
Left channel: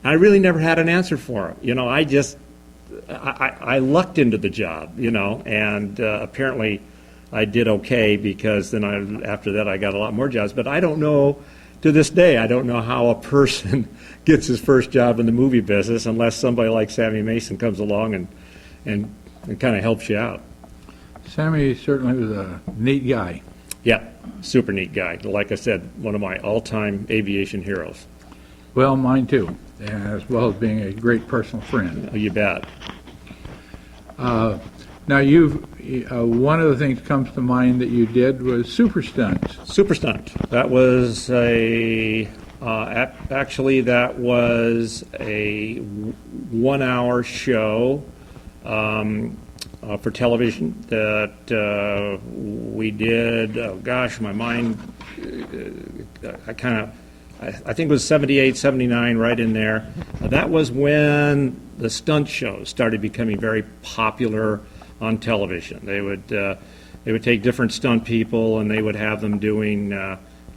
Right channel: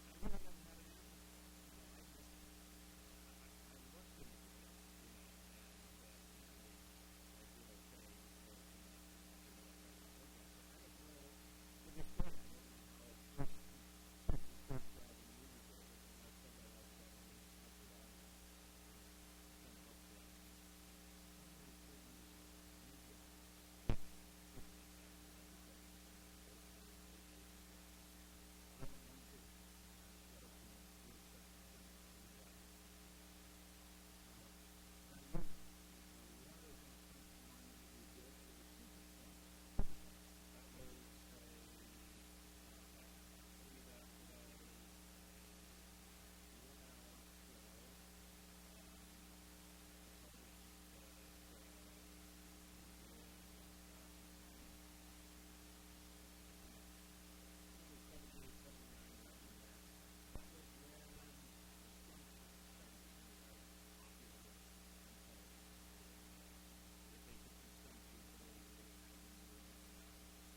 I really never had an answer for them. I lucked into the job, and apparently I did okay, because then after that I got a lot more jobs. But I don't know, to this day, I don't know how a person gets his first job in the movie business unless somebody like Sammy Mason comes along and kind of helps you out. Sammy certainly was a neat guy. Yeah, super neat guy. Like I said, one of my all-time aviation heroes. Well, mine too, as well as being a great personal friend. Oh, you bet. Now, one of the things that comes to mind that you did was Super Stunt. Super Stunt. That was actually that was a 1 hour show for television that we did. Oh gosh, my mind, I think it was 78, 79, right in there. That was when the stunt shows started becoming very popular on television. They would take different stunt people, and they would have them doing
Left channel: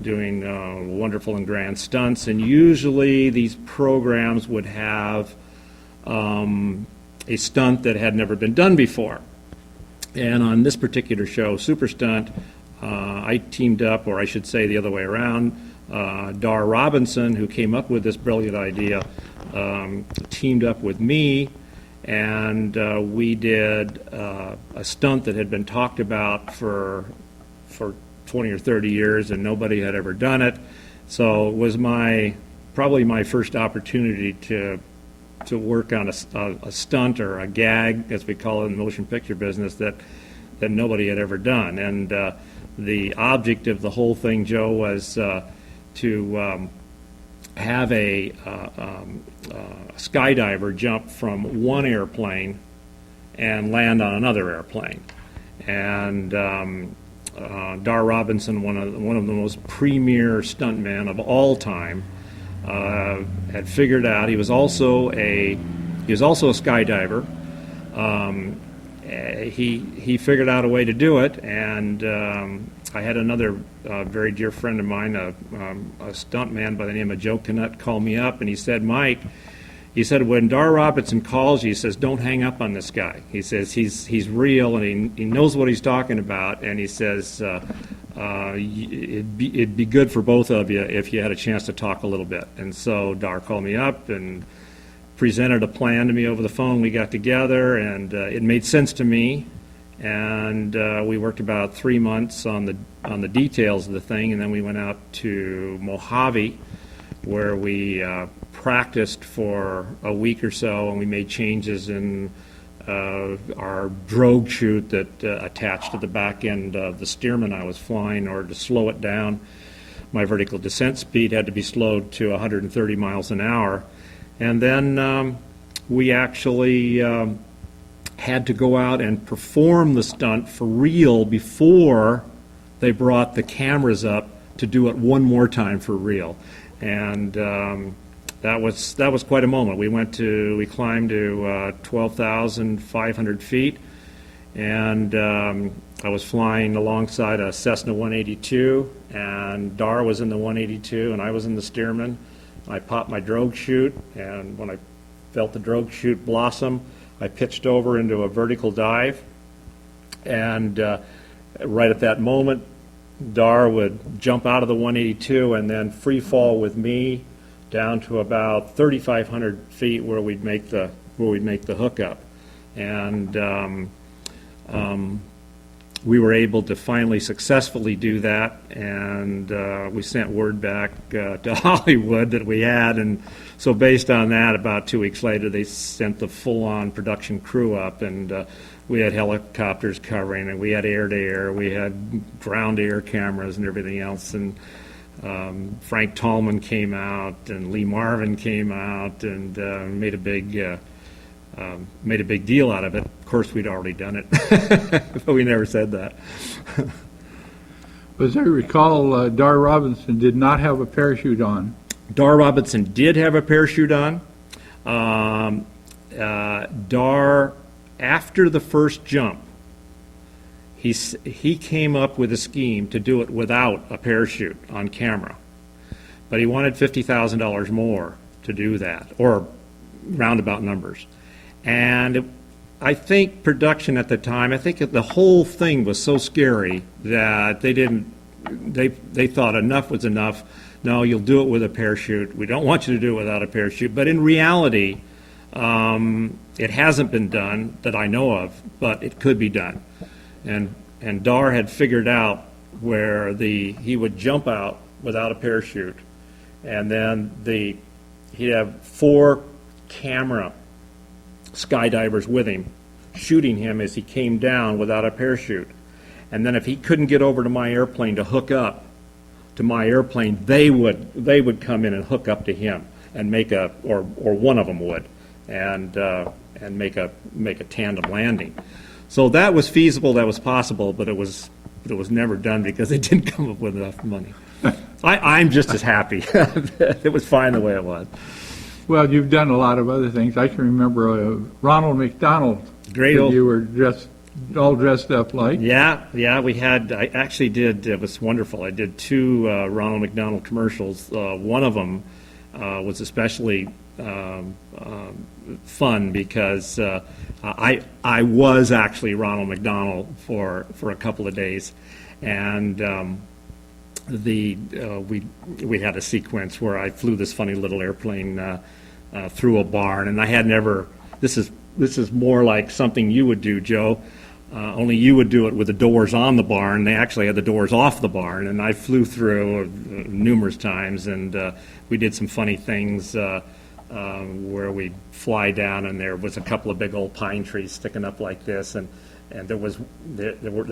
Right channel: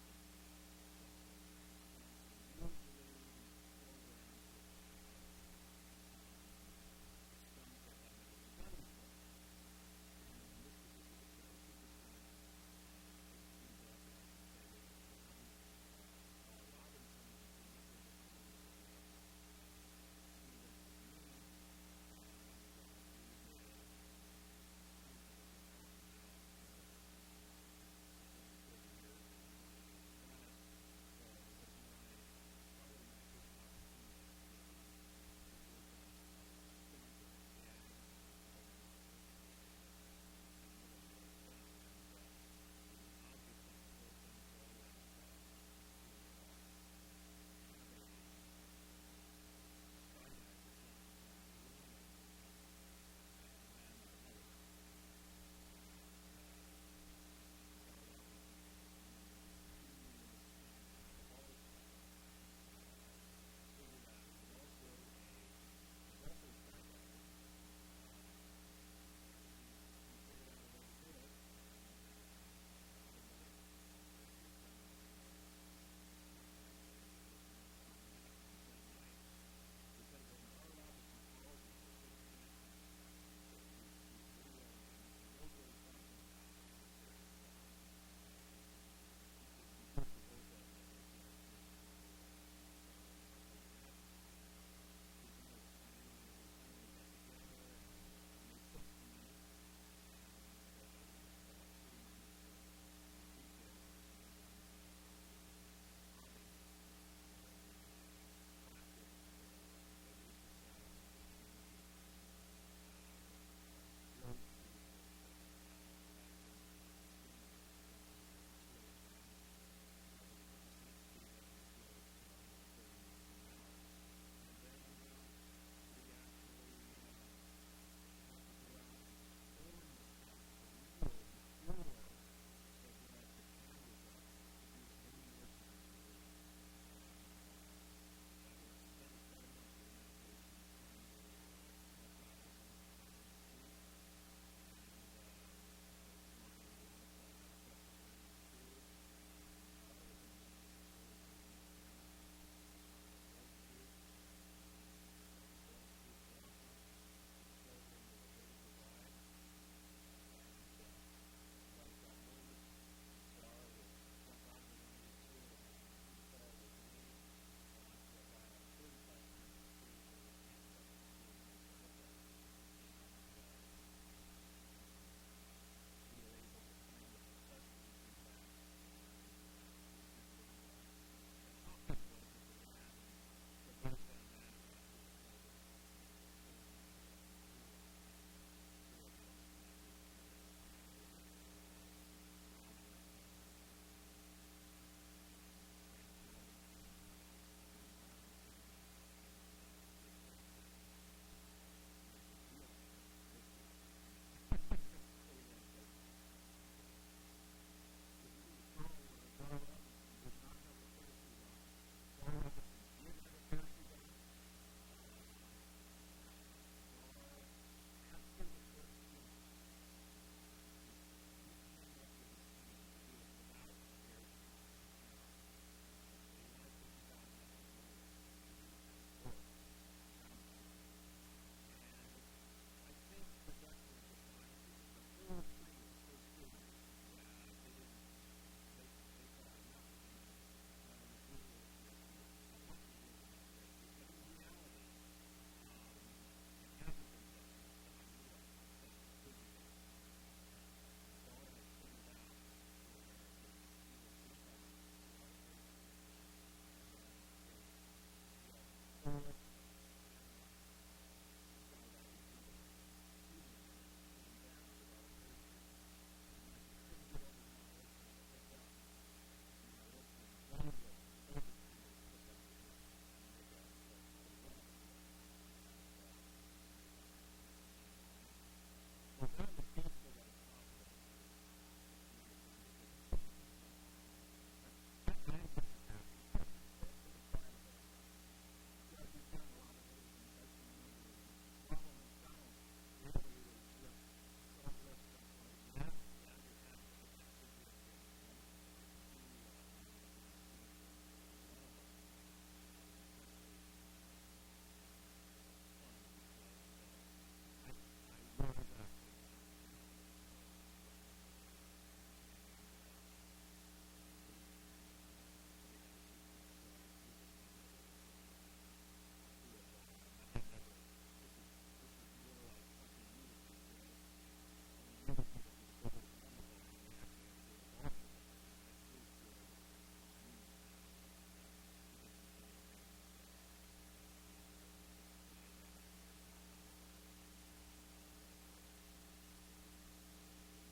wonderful and grand stunts. And usually these programs would have a stunt that had never been done before. And on this particular show, Super Stunt, I teamed up, or I should say the other way around, Dar Robinson, who came up with this brilliant idea, teamed up with me, and we did a stunt that had been talked about for 20 or 30 years, and nobody had ever done it. So it was probably my first opportunity to work on a stunt or a gag, as we call it in the motion picture business, that nobody had ever done. And the object of the whole thing, Joe, was to have a skydiver jump from one airplane and land on another airplane. And Dar Robinson, one of the most premier stuntmen of all time, had figured out. He was also a skydiver. He figured out a way to do it, and I had another very dear friend of mine, a stuntman by the name of Joe Canutt, call me up, and he said, "Mike," he said, "when Dar Robinson calls you," he says, "don't hang up on this guy." He says, he's real, and he knows what he's talking about, and he says, it'd be good for both of you if you had a chance to talk a little bit. And so Dar called me up and presented a plan to me over the phone. We got together, and it made sense to me, and we worked about 3 months on the details of the thing, and then we went out to Mojave, where we practiced for a week or so, and we made changes in our drogue chute that attached to the back end of the Stearman I was flying in order to slow it down. My vertical descent speed had to be slowed to 130 miles an hour. And then we actually had to go out and perform the stunt for real before they brought the cameras up to do it one more time for real. And that was quite a moment. We climbed to 12,500 feet, and I was flying alongside a Cessna 182, and Dar was in the 182, and I was in the Stearman. I popped my drogue chute, and when I felt the drogue chute blossom, I pitched over into a vertical dive, and right at that moment, Dar would jump out of the 182 and then free fall with me down to about 3,500 feet where we'd make the hookup, and we were able to finally successfully do that, and we sent word back to Hollywood that we had, and so based on that, about 2 weeks later, they sent the full-on production crew up, and we had helicopters covering, and we had air-to-air, we had ground-air cameras and everything else, and Frank Tallman came out, and Lee Marvin came out, and made a big deal out of it. Of course, we'd already done it, but we never said that. As I recall, Dar Robinson did not have a parachute on. Dar Robinson did have a parachute on. Dar, after the first jump, he came up with a scheme to do it without a parachute on camera, but he wanted $50,000 more to do that, or roundabout numbers. And I think production at the time, I think the whole thing was so scary that they thought enough was enough. No, you'll do it with a parachute. We don't want you to do it without a parachute. But in reality, it hasn't been done that I know of, but it could be done. And Dar had figured out where he would jump out without a parachute, and then he'd have 4 camera skydivers with him, shooting him as he came down without a parachute. And then if he couldn't get over to my airplane to hook up to my airplane, they would come in and hook up to him and or one of them would, and make a tandem landing. So that was feasible, that was possible, but it was never done because they didn't come up with enough money. I'm just as happy. It was fine the way it was. Well, you've done a lot of other things. I can remember Ronald McDonald. Great old. You were all dressed up like. Yeah. I actually did. It was wonderful. I did 2 Ronald McDonald commercials. One of them was especially fun because I was actually Ronald McDonald for a couple of days, and we had a sequence where I flew this funny little airplane through a barn, and I had never. This is more like something you would do, Joe. Only you would do it with the doors on the barn. They actually had the doors off the barn, and I flew through numerous times, and we did some funny things where we'd fly down, and there was a couple of big old pine trees sticking up like this, and they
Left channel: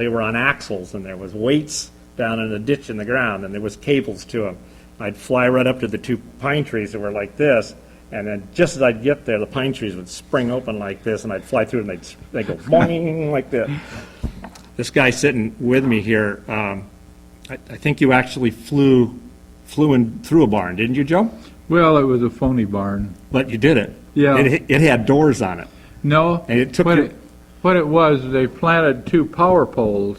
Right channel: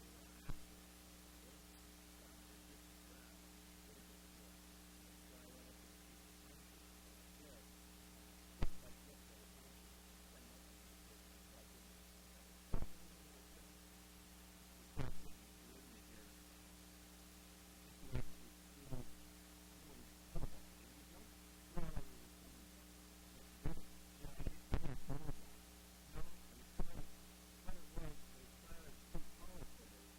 were on axles, and there was weights down in a ditch in the ground, and there was cables to them. I'd fly right up to the two pine trees that were like this, and then just as I'd get there, the pine trees would spring open like this, and I'd fly through, and they'd go boing like this. This guy sitting with me here, I think you actually flew in through a barn, didn't you, Joe? Well, it was a phony barn. But you did it. Yeah. It had doors on it. No, And it took what it was, they planted two power poles,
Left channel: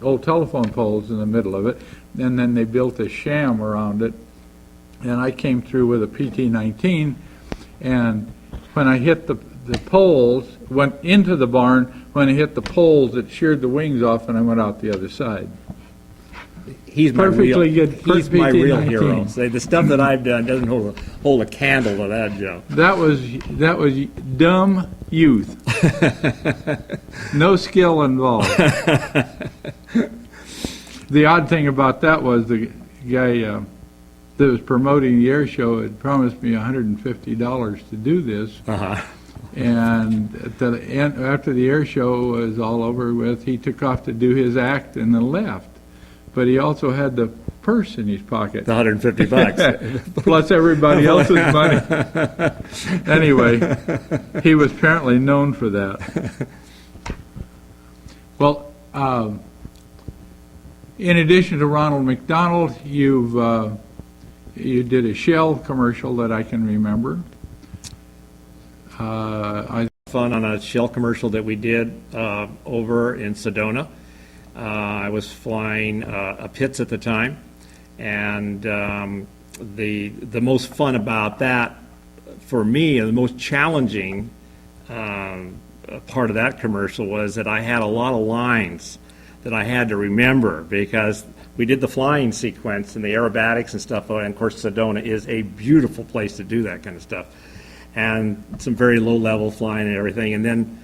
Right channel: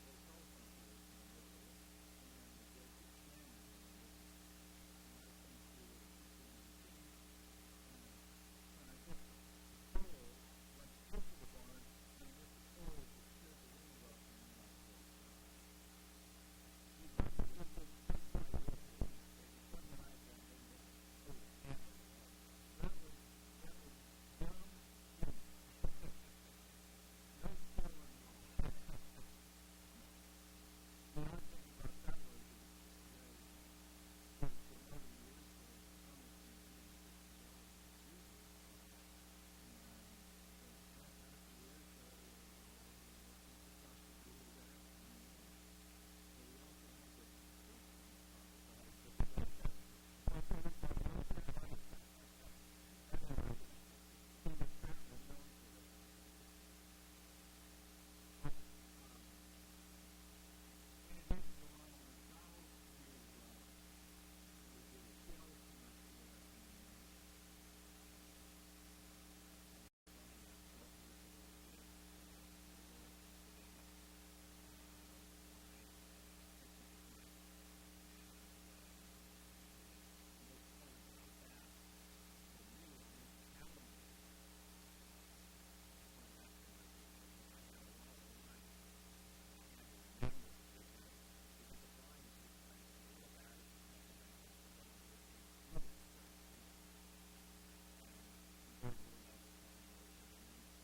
old telephone poles in the middle of it, and then they built a sham around it. And I came through with a PT-19, and when I hit the poles, went into the barn, when I hit the poles, it sheared the wings off, and I went out the other side. He's my Perfectly real, good he's my real PT-19. hero. Say, the stuff that I've done doesn't hold a candle to that, Joe. That was dumb youth. No skill involved. The odd thing about that was the guy that was promoting the air show had promised me $150 to do this. Uh-huh. And at the end, after the air show was all over with, he took off to do his act and then left. But he also had the purse in his pocket. The $150. Plus everybody else's money. Anyway, he was apparently known for that. Well, in addition to Ronald McDonald, you did a Shell commercial that I can remember. Fun on a Shell commercial that we did over in Sedona. I was flying a Pitts at the time, and the most fun about that for me, and the most challenging part of that commercial was that I had a lot of lines that I had to remember because we did the flying sequence and the aerobatics and stuff, and of course Sedona is a beautiful place to do that kind of stuff, and some very low-level flying and everything, and then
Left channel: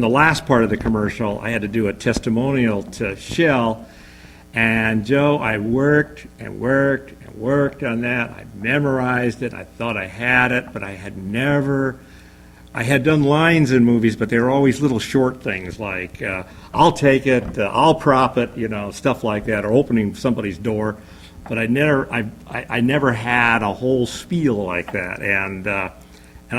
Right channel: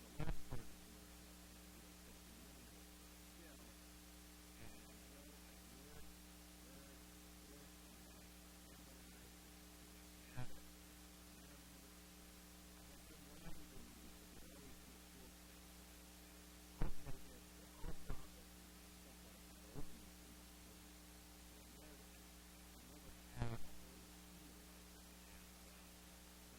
the last part of the commercial, I had to do a testimonial to Shell, and Joe, I worked and worked and worked on that. I memorized it. I thought I had it, but I had done lines in movies, but they were always little short things like, I'll take it, I'll prop it, stuff like that, or opening somebody's door. But I never had a whole spiel like that, and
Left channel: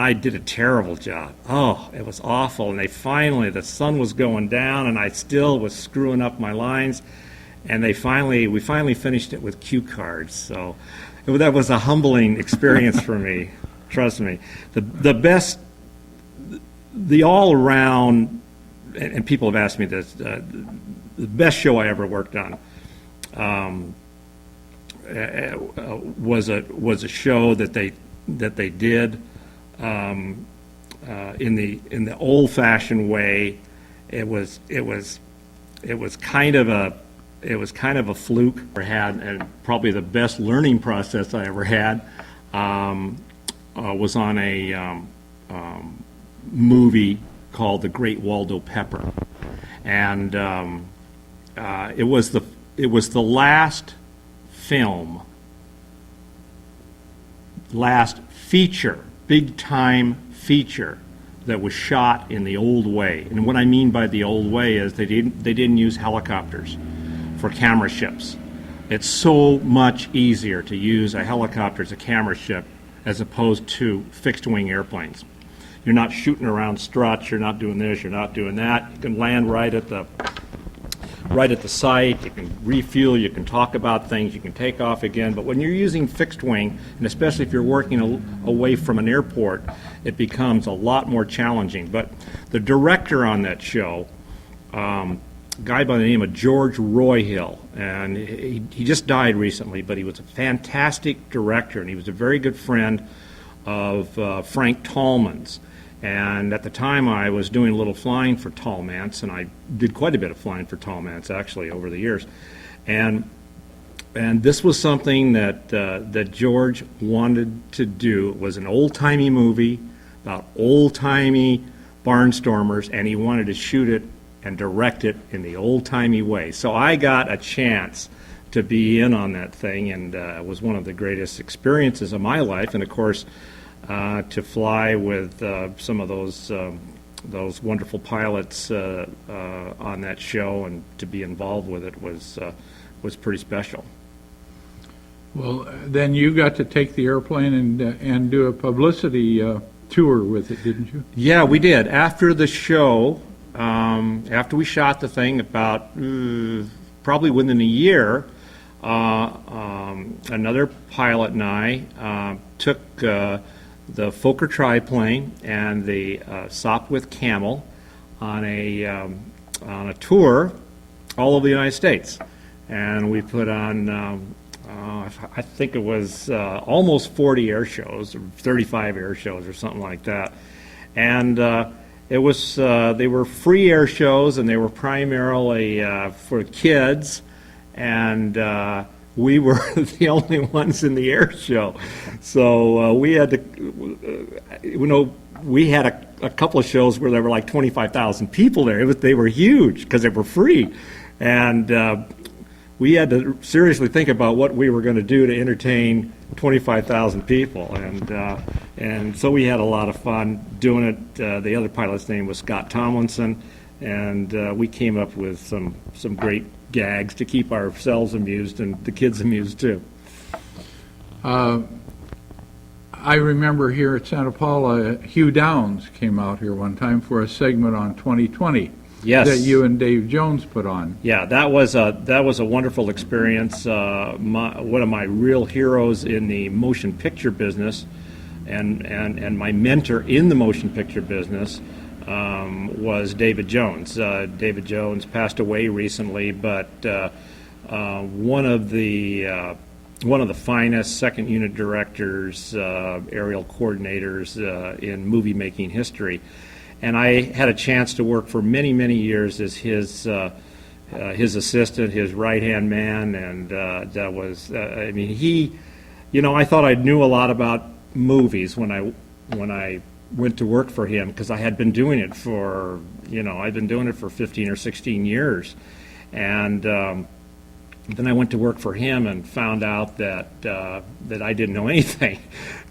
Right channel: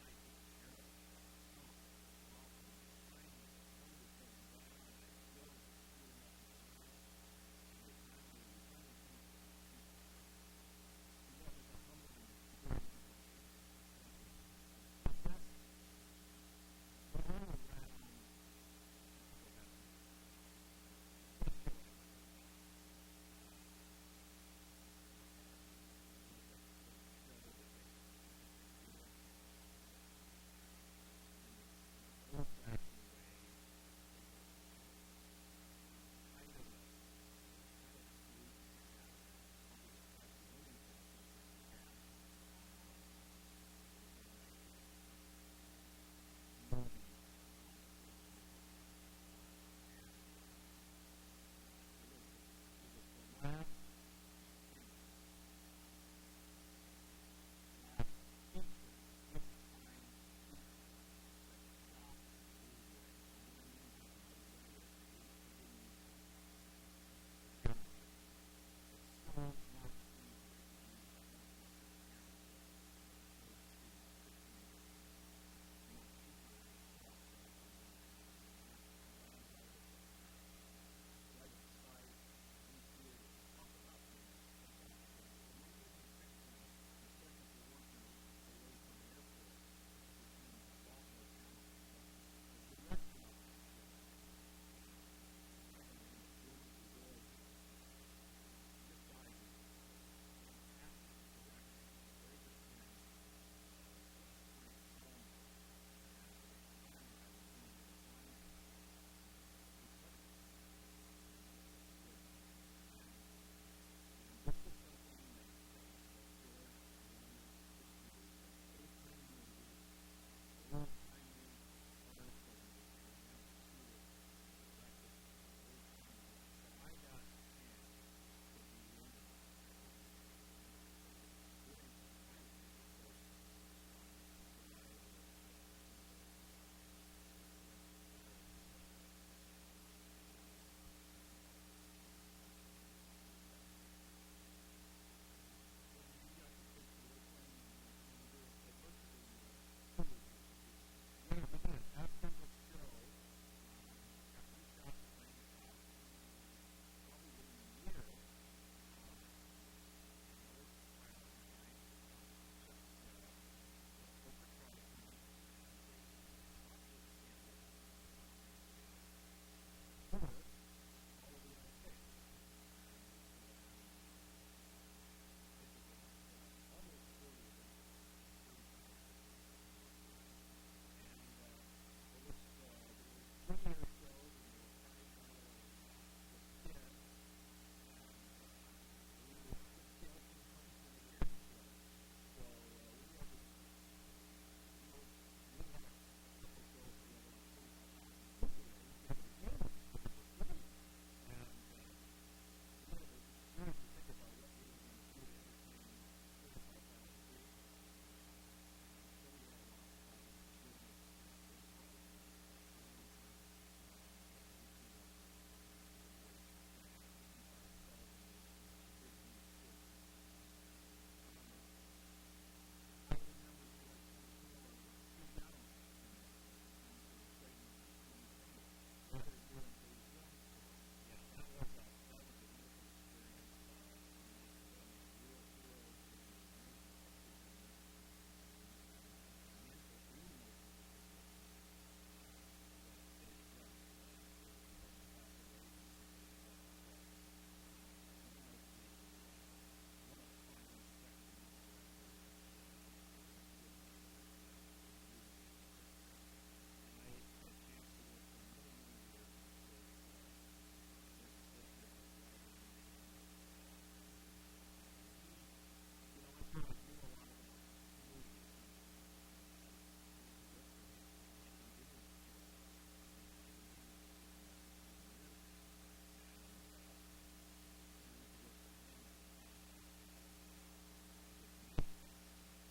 I did a terrible job. Oh, it was awful. And the sun was going down, and I still was screwing up my lines. And we finally finished it with cue cards. So that was a humbling experience for me. Trust me. The best, the all around, and people have asked me this, the best show I ever worked on was a show that they did. In the old-fashioned way. It was kind of a fluke. I had, and probably the best learning process I ever had was on a movie called The Great Waldo Pepper, and it was the last feature, big-time feature that was shot in the old way. And what I mean by the old way is they didn't use helicopters for camera ships. It's so much easier to use a helicopter as a camera ship as opposed to fixed-wing airplanes. You're not shooting around struts, you're not doing this, you're not doing that. You can land right at the site, you can refuel, you can talk about things, you can take off again. But when you're using fixed wing, and especially if you're working away from an airport, it becomes a lot more challenging. But the director on that show, a guy by the name of George Royhill, and he just died recently, but he was a fantastic director, and he was a very good friend of Frank Tallman's. And at the time, I was doing a little flying for Tallman's, and I did quite a bit of flying for Tallman's, actually, over the years. And this was something that George wanted to do. It was an old-timey movie about old-timey barnstormers, and he wanted to shoot it and direct it in the old-timey way. So I got a chance to be in on that thing, and it was one of the greatest experiences of my life. And of course, to fly with some of those wonderful pilots on that show and to be involved with it was pretty special. Well, then you got to take the airplane and do a publicity tour with it, didn't you? Yeah, we did. After the show, after we shot the thing, about probably within a year, another pilot and I took the Fokker triplane and the Sopwith Camel on a tour all over the United States, and we put on I think it was almost 40 air shows, or 35 air shows, or something like that, and it was they were free air shows, and they were primarily for kids, and we were the only ones in the air show. So we had to, we had a couple of shows where there were like 25,000 people there. They were huge because they were free. And we had to seriously think about what we were going to do to entertain 25,000 people. And so we had a lot of fun doing it. The other pilot's name was Scott Tomlinson, and we came up with some great gags to keep ourselves amused and the kids amused too. I remember here at Santa Paula, Hugh Downs came out here one time for a segment on 2020. Yes. That you and Dave Jones put on. Yeah, that was a wonderful experience. One of my real heroes in the motion picture business, and my mentor in the motion picture business, was David Jones. David Jones passed away recently, but one of the finest second unit directors, aerial coordinators in movie making history. And I had a chance to work for many, many years as his assistant, his right-hand man, and that was, I mean, he, I thought I knew a lot about movies when I went to work for him, because I had been doing it for, I'd been doing it for 15 or 16 years. And then I went to work for him and found out that I didn't know anything.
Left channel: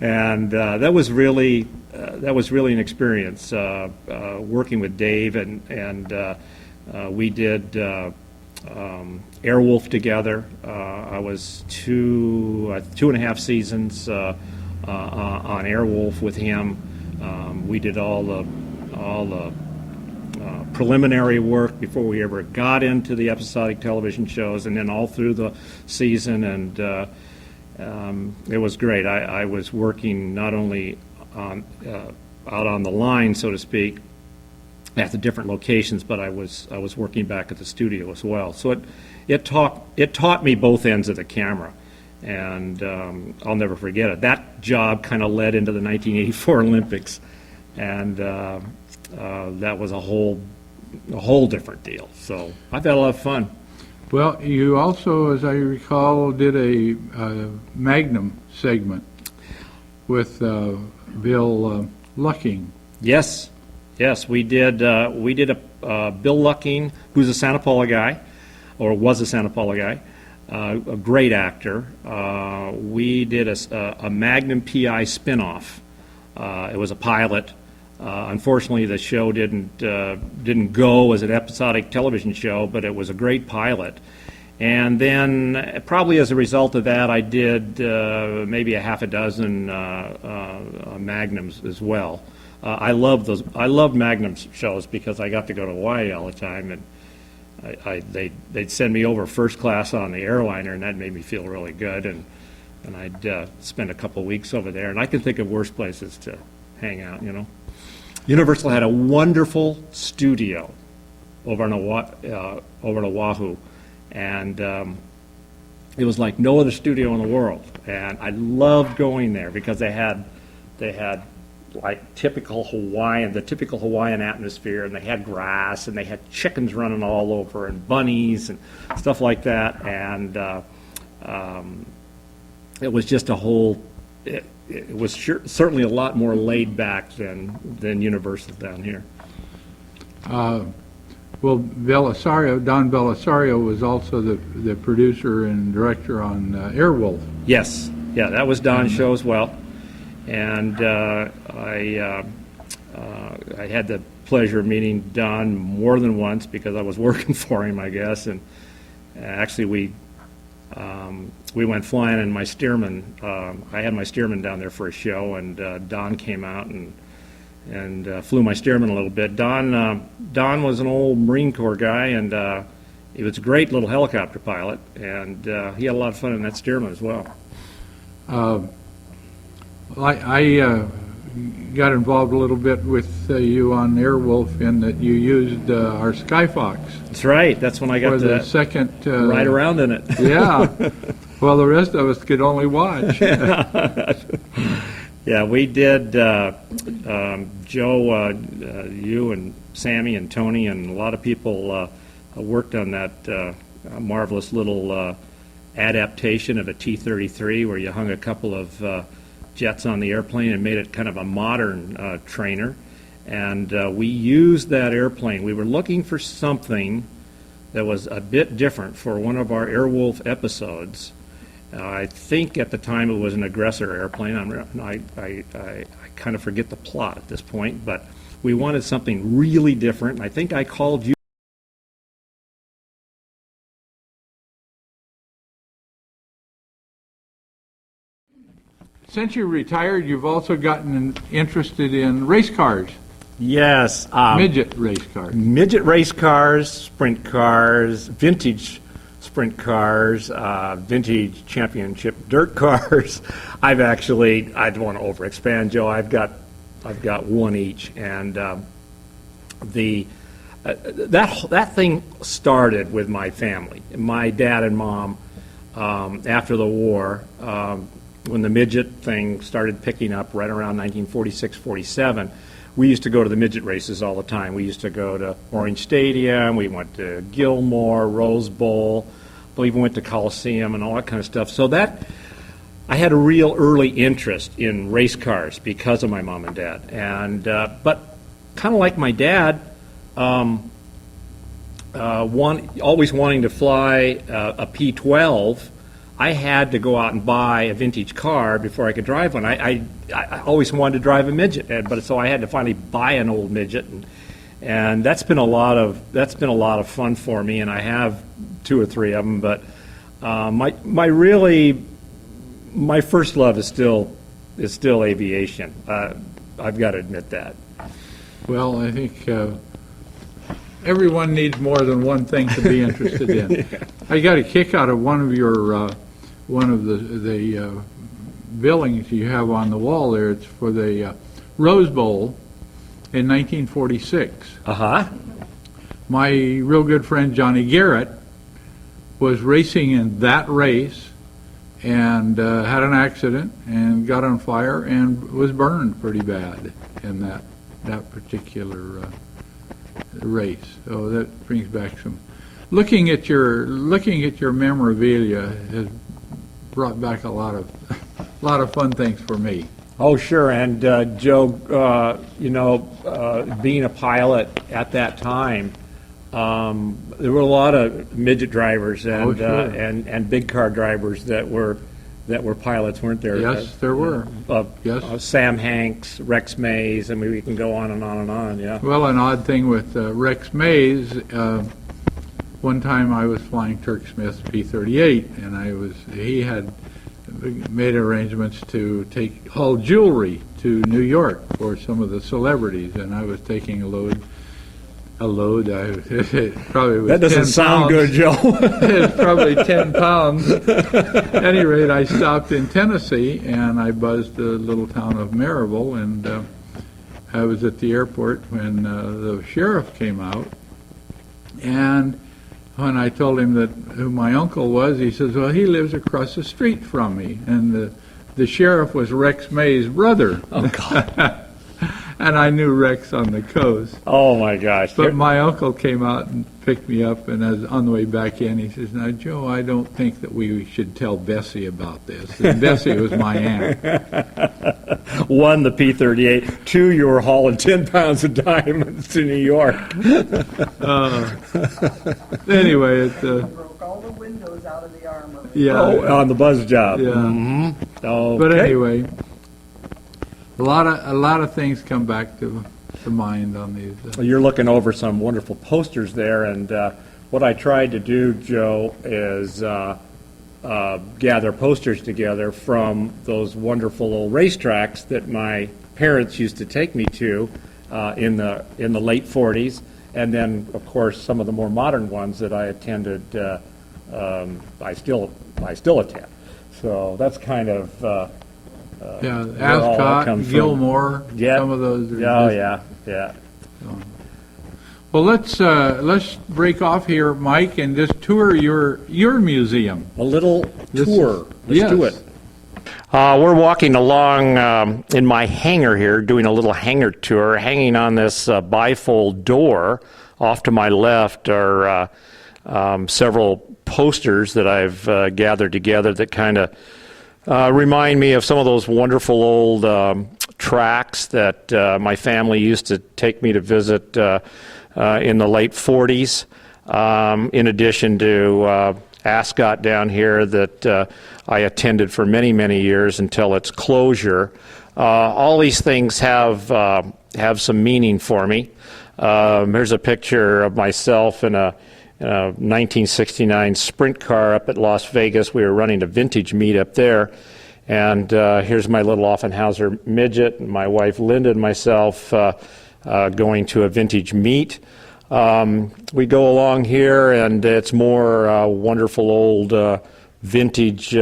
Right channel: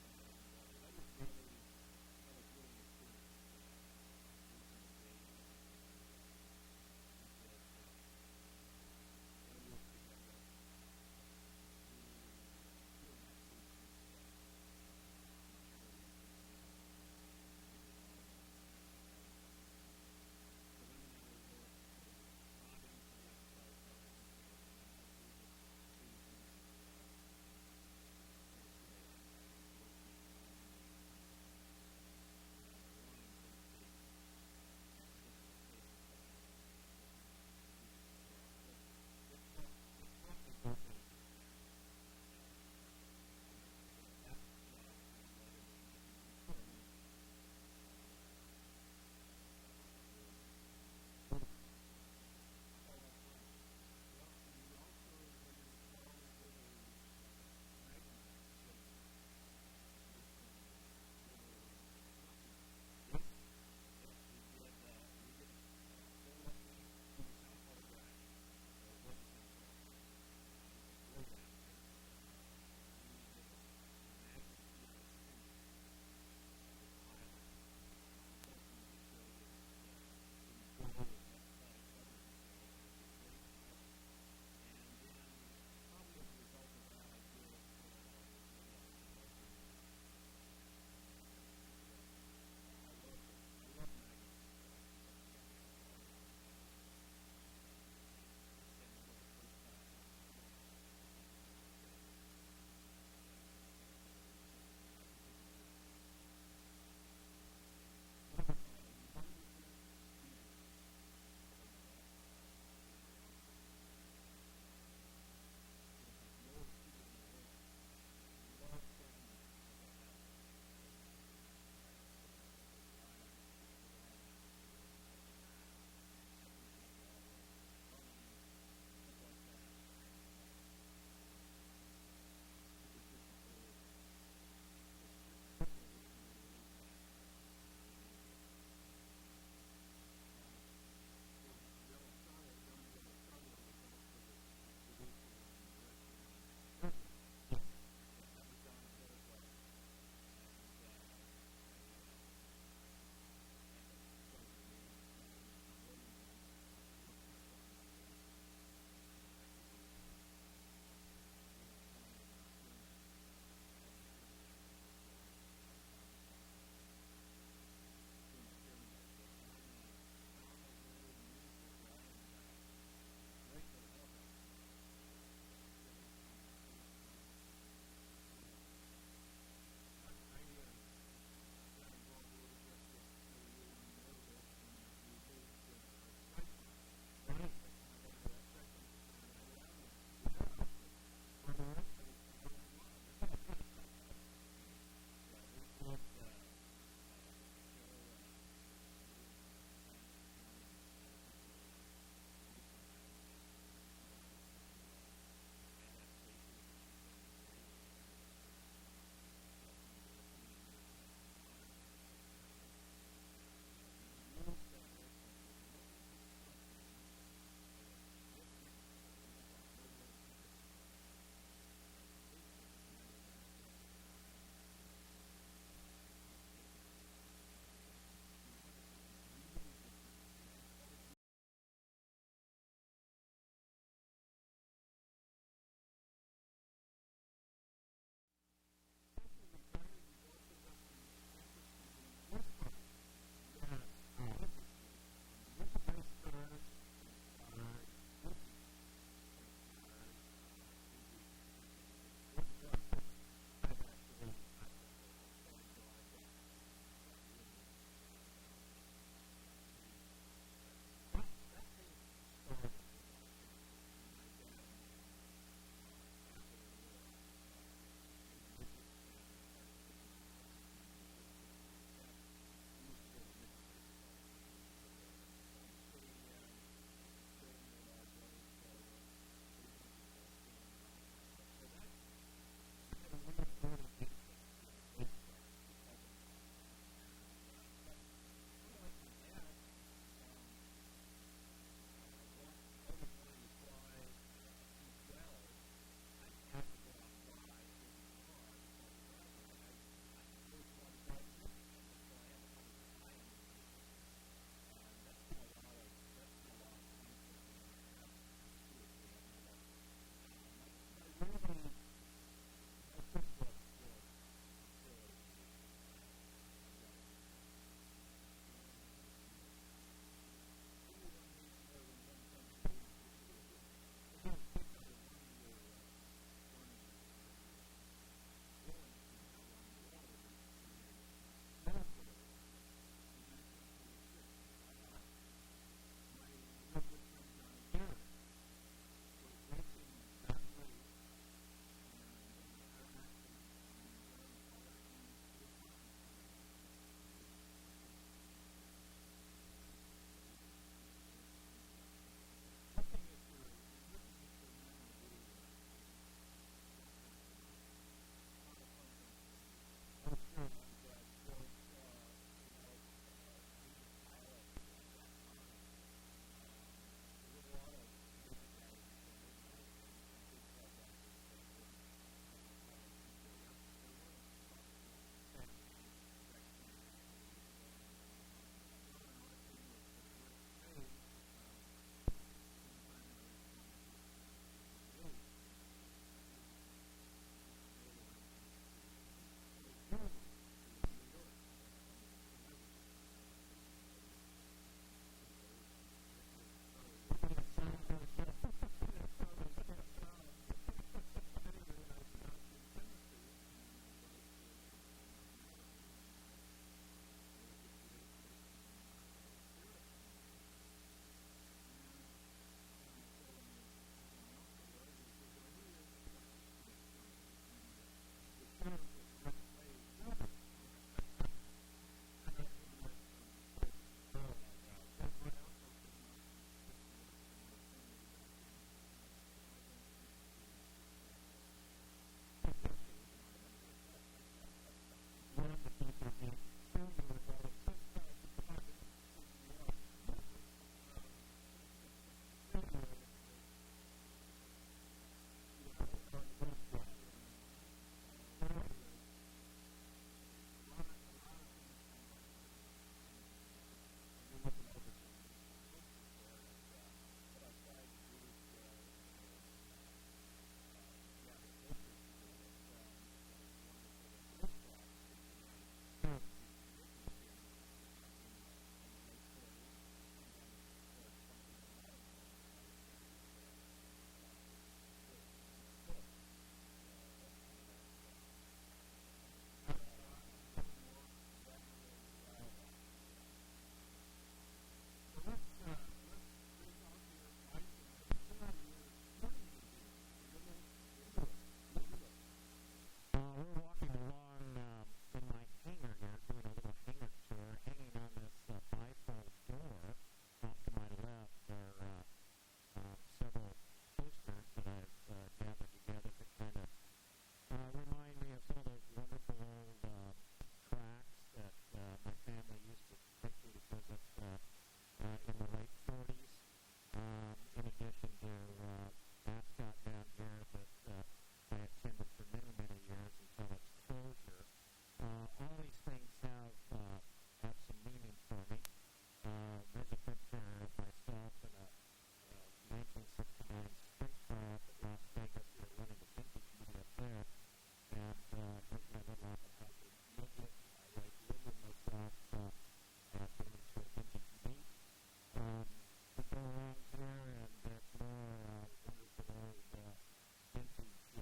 And that was really an experience, working with Dave, and we did Airwolf together. I was two and a half seasons on Airwolf with him. We did all the preliminary work before we ever got into the episodic television shows, and then all through the season, and it was great. I was working not only out on the line, so to speak, at the different locations, but I was working back at the studio as well. So it taught me both ends of the camera, and I'll never forget it. That job kind of led into the 1984 Olympics, and that was a whole different deal. So I've had a lot of fun. Well, you also, as I recall, did a Magnum segment with Bill Lucking. Yes, we did. We did a Bill Lucking, who's a Santa Paula guy, or was a Santa Paula guy, a great actor. We did a Magnum PI spinoff. It was a pilot. Unfortunately, the show didn't go as an episodic television show, but it was a great pilot. And then, probably as a result of that, I did maybe a half a dozen Magnums as well. I loved Magnum shows because I got to go to Hawaii all the time, and they'd send me over first class on the airliner, and that made me feel really good. And I'd spend a couple weeks over there, and I can think of worse places to hang out, Universal had a wonderful studio over in Oahu, and it was like no other studio in the world. And I loved going there because they had they had like the typical Hawaiian atmosphere, and they had grass, and they had chickens running all over, and bunnies and stuff like that, and it was just a whole. It was certainly a lot more laid back than Universal down here. Well, Don Belisario was also the producer and director on Airwolf. Yes, yeah, that was Don's show as well, and I had the pleasure of meeting Don more than once because I was working for him, I guess, and actually we went flying in my Stearman. I had my Stearman down there for a show, and Don came out and flew my Stearman a little bit. Don was an old Marine Corps guy, and he was a great little helicopter pilot, and he had a lot of fun in that Stearman as well. I got involved a little bit with you on Airwolf in that you used our Skyfox. That's right. That's when I got for the to second ride around in it. Yeah. Well, the rest of us could only watch. Yeah, we did. Joe, you and Sammy and Tony and a lot of people worked on that marvelous little adaptation of a T-33 where you hung a couple of jets on the airplane and made it kind of a modern trainer. And we used that airplane. We were looking for something that was a bit different for one of our Airwolf episodes. I think at the time it was an aggressor airplane. I kind of forget the plot at this point, but we wanted something really different. I think I called you. Since you retired, you've also gotten interested in race cars. Yes. Midget race cars. Midget race cars, sprint cars, vintage sprint cars, vintage championship dirt cars. I don't want to overexpand, Joe. I've got one each, and that thing started with my family. My dad and mom, after the war, when the midget thing started picking up right around 1946, 47, we used to go to the midget races all the time. We used to go to Orange Stadium, we went to Gilmore, Rose Bowl, we even went to Coliseum and all that kind of stuff. So I had a real early interest in race cars because of my mom and dad. And but kind of like my dad, always wanting to fly a P-12, I had to go out and buy a vintage car before I could drive one. I always wanted to drive a midget, but so I had to finally buy an old midget, and that's been a lot of fun for me. And I have 2 or 3 of them. But my first love is still aviation. I've got to admit that. Well, I think everyone needs more than one thing to be interested in. Yeah. I got a kick out of one of the billings you have on the wall there. It's for the Rose Bowl in 1946. Uh-huh. My real good friend Johnny Garrett was racing in that race and had an accident and got on fire and was burned pretty bad in that particular race. So that brings back some. Looking at your memorabilia has brought back a lot of fun things for me. Oh, sure. And Joe, being a pilot at that time, there were a lot of midget drivers and and big car drivers that were pilots, weren't there? Yes, there were. Yes. Sam Hanks, Rex Mays, I mean, we can go on and on and on. Yeah. Well, an odd thing with Rex Mays. One time I was flying Turk Smith's P-38, and he had made arrangements to take hull jewelry to New York for some of the celebrities, and I was taking a load. It probably was. That doesn't sound good, Joe. It's probably 10 pounds. At any rate, I stopped in Tennessee, and I buzzed the little town of Maryville, and I was at the airport when the sheriff came out, and when I told him who my uncle was, he says, well, he lives across the street from me. And the sheriff was Rex May's brother. Oh, God. And I knew Rex on the coast. Oh, my gosh. But my uncle came out and picked me up, and as on the way back in, he says, "Now, Joe, I don't think that we should tell Bessie about this." And Bessie was my aunt. One, the P-38. Two, you were hauling 10 pounds of diamonds to New York. Anyway, Broke all the windows out of the armory. yeah. Oh, on the buzz job. Yeah. Mm-hmm. Okay. But anyway, a lot of things come back to mind on these. You're looking over some wonderful posters there, and what I tried to do, Joe, is gather posters together from those wonderful old racetracks that my parents used to take me to in the late 40s, and then, of course, some of the more modern ones that I attended. I still attend. So that's kind of Yeah, where all that comes Ascot, from. Gilmore, Yeah. some of those. Are Oh, just- yeah. Well, let's break off here, Mike, and just tour your museum. A little This tour. is- Let's do yes. it. We're walking along in my hangar here, doing a little hangar tour, hanging on this bifold door. Off to my left are several posters that I've gathered together that kind of remind me of some of those wonderful old tracks that my family used to take me to visit in the late 40s, in addition to Ascot down here that I attended for many, many years until its closure. All these things have some meaning for me. Here's a picture of myself in a 1969 sprint car up at Las Vegas. We were running a vintage meet up there. And here's my little Offenhauser midget, and my wife Linda and myself going to a vintage meet. We go along here, and it's more wonderful old vintage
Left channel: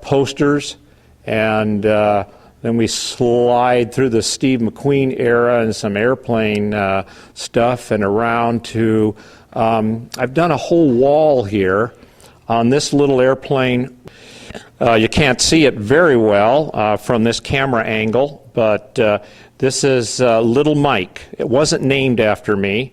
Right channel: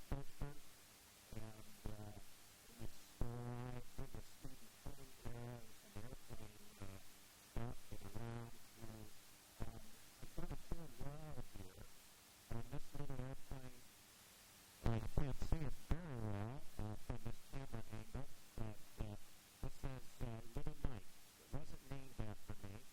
posters. And then we slide through the Steve McQueen era and some airplane stuff and around to, I've done a whole wall here on this little airplane. You can't see it very well from this camera angle, but this is Little Mike. It wasn't named after me.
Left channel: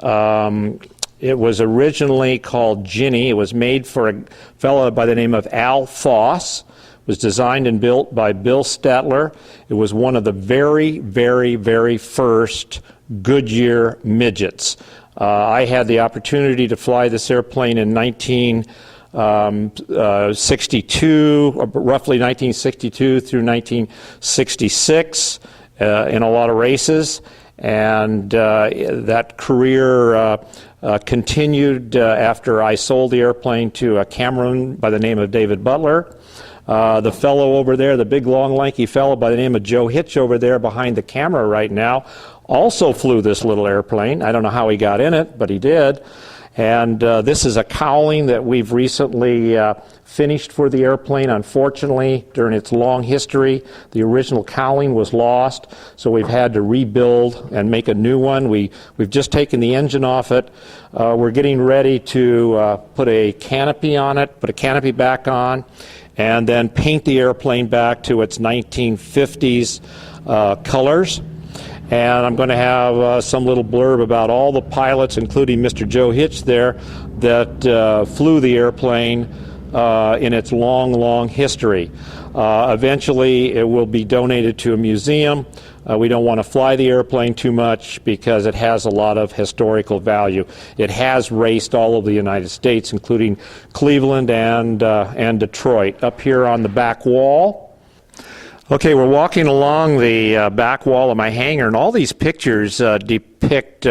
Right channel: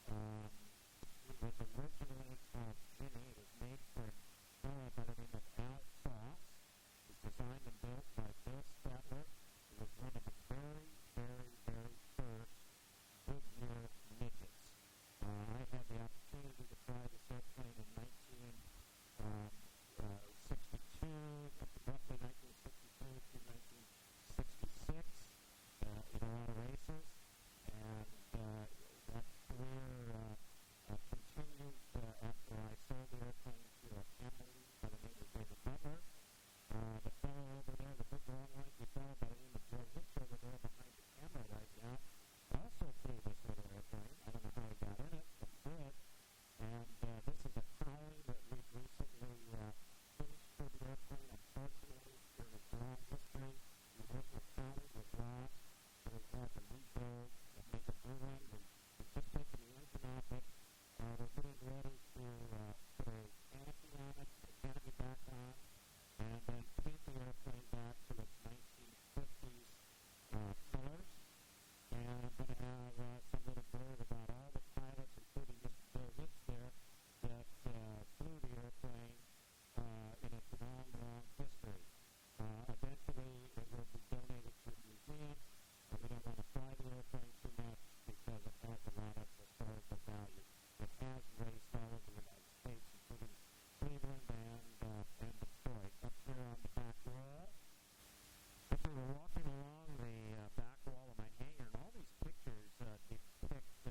It was originally called Ginny. It was made for a fellow by the name of Al Foss. It was designed and built by Bill Statler. It was one of the very, very, very first Goodyear midgets. I had the opportunity to fly this airplane in 1962, roughly 1962 through 1966 in a lot of races. And that career continued after I sold the airplane to a Cameron by the name of David Butler. The fellow over there, the big, long, lanky fellow by the name of Joe Hitch over there behind the camera right now, also flew this little airplane. I don't know how he got in it, but he did. And this is a cowling that we've recently finished for the airplane. Unfortunately, during its long history, the original cowling was lost, so we've had to rebuild and make a new one. We've just taken the engine off it. We're getting ready to put a canopy on it, put a canopy back on, and then paint the airplane back to its 1950s colors. And I'm going to have some little blurb about all the pilots, including Mr. Joe Hitch there, that flew the airplane in its long, long history. Eventually, it will be donated to a museum. We don't want to fly the airplane too much because it has a lot of historical value. It has raced all over the United States, including Cleveland and Detroit. Up here on the back wall, okay, we're walking along the back wall of my hangar, and all these pictures depict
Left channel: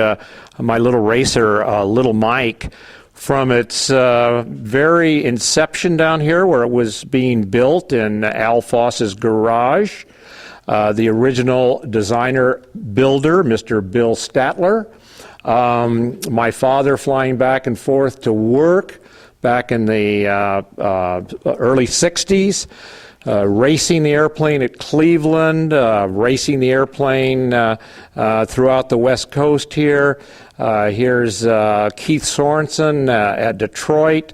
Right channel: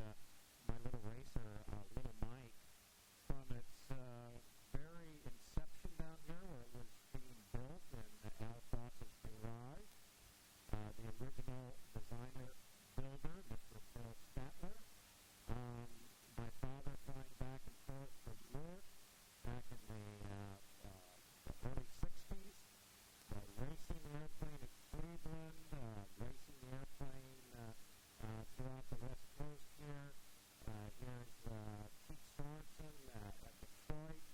my little racer, Little Mike, from its very inception down here where it was being built in Al Foss's garage. The original designer builder, Mr. Bill Statler. My father flying back and forth to work back in the early 60s. Racing the airplane at Cleveland, racing the airplane throughout the West Coast here. Here's Keith Sorensen at Detroit.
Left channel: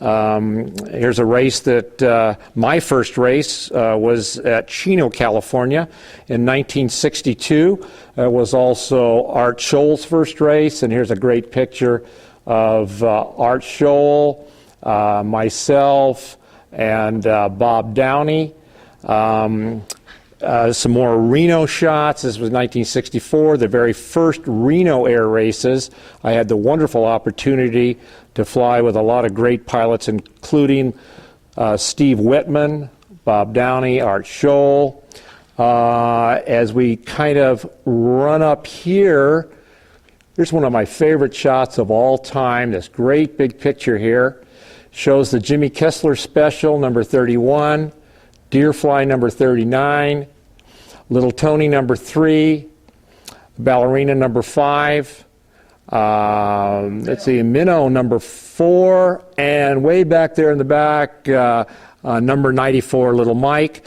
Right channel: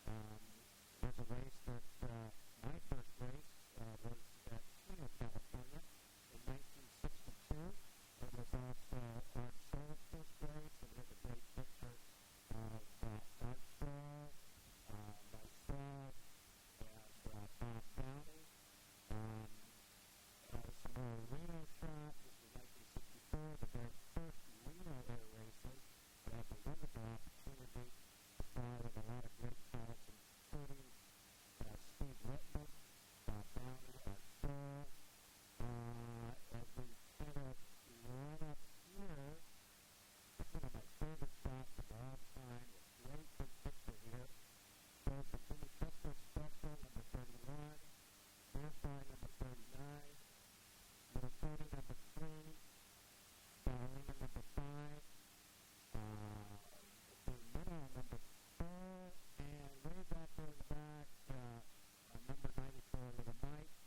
Here's a race that my first race was at Chino, California in 1962. It was also Art Scholl's first race, and here's a great picture of Art Scholl, myself, and Bob Downey. Some more Reno shots. This was 1964, the very first Reno air races. I had the wonderful opportunity to fly with a lot of great pilots, including Steve Whitman, Bob Downey, Art Scholl. As we kind of run up here, here's one of my favorite shots of all time. This great big picture here shows the Jimmy Kessler Special, number 31, Deerfly, number 39, Little Tony, number 3, Ballerina, number 5, let's see, Minnow, number 4, and way back there in the back, number 94, Little Mike.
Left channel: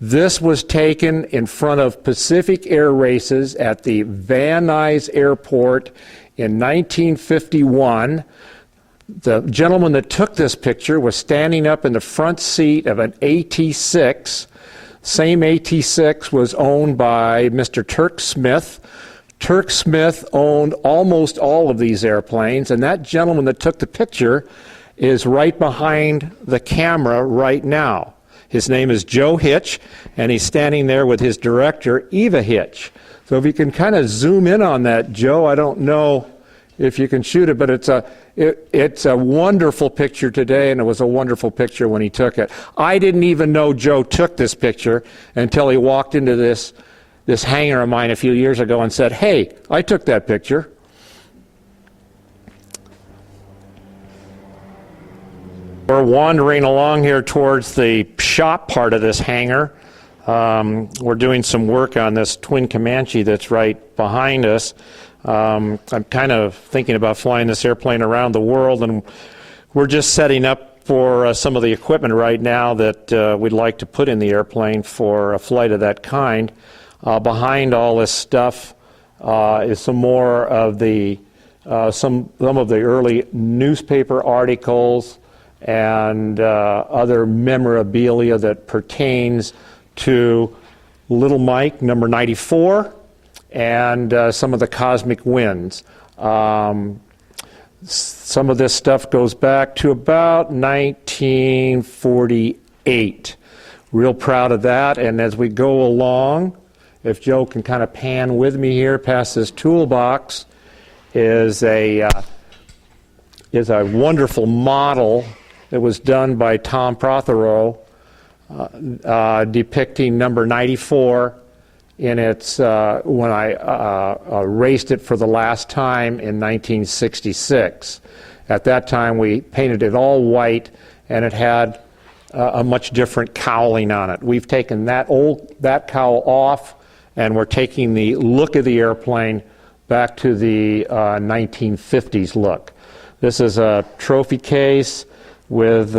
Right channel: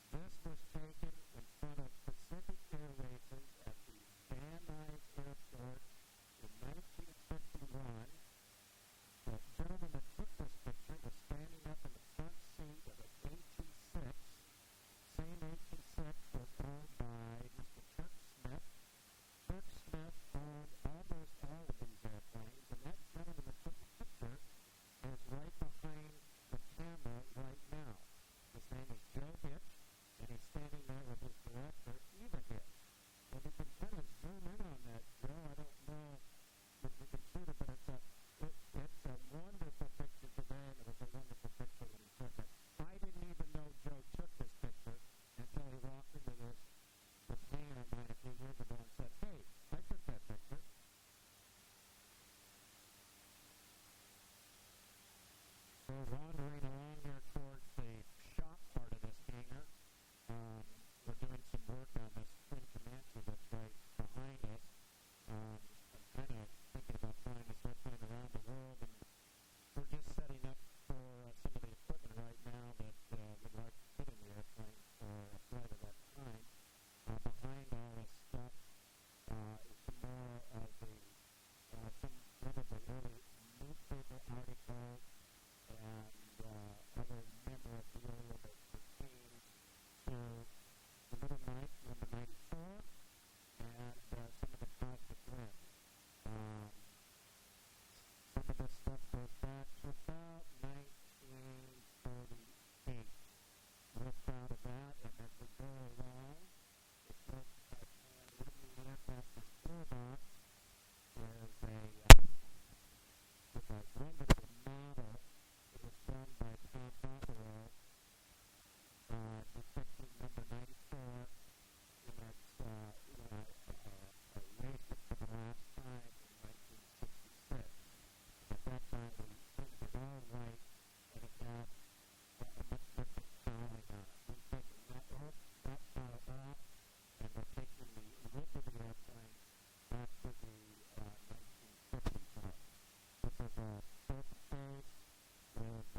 This was taken in front of Pacific Air Races at the Van Nuys Airport in 1951. The gentleman that took this picture was standing up in the front seat of an AT-6. Same AT-6 was owned by Mr. Turk Smith. Turk Smith owned almost all of these airplanes, and that gentleman that took the picture is right behind the camera right now. His name is Joe Hitch, and he's standing there with his director, Eva Hitch. So if you can kind of zoom in on that, Joe, I don't know if you can shoot it, but it's a wonderful picture today, and it was a wonderful picture when he took it. I didn't even know Joe took this picture until he walked into this hangar of mine a few years ago and said, "Hey, I took that picture." We're wandering along here towards the shop part of this hangar. We're doing some work on this twin Comanche that's right behind us. I'm kind of thinking about flying this airplane around the world, and we're just setting up for some of the equipment right now that we'd like to put in the airplane for a flight of that kind. Behind all this stuff is some more of the some of the early newspaper articles and other memorabilia that pertains to Little Mike, number 94, and some of the cosmic winds. Some of this stuff goes back to about 1948. Real proud of that, and as we go along, if Joe can kind of pan with me here past this toolbox, is a wonderful model that was done by Tom Prothero depicting number 94 in its, when I raced it for the last time in 1966. At that time we painted it all white, and it had a much different cowling on it. We've taken that cowl off, and we're taking the look of the airplane back to the 1950s look. This is a trophy case with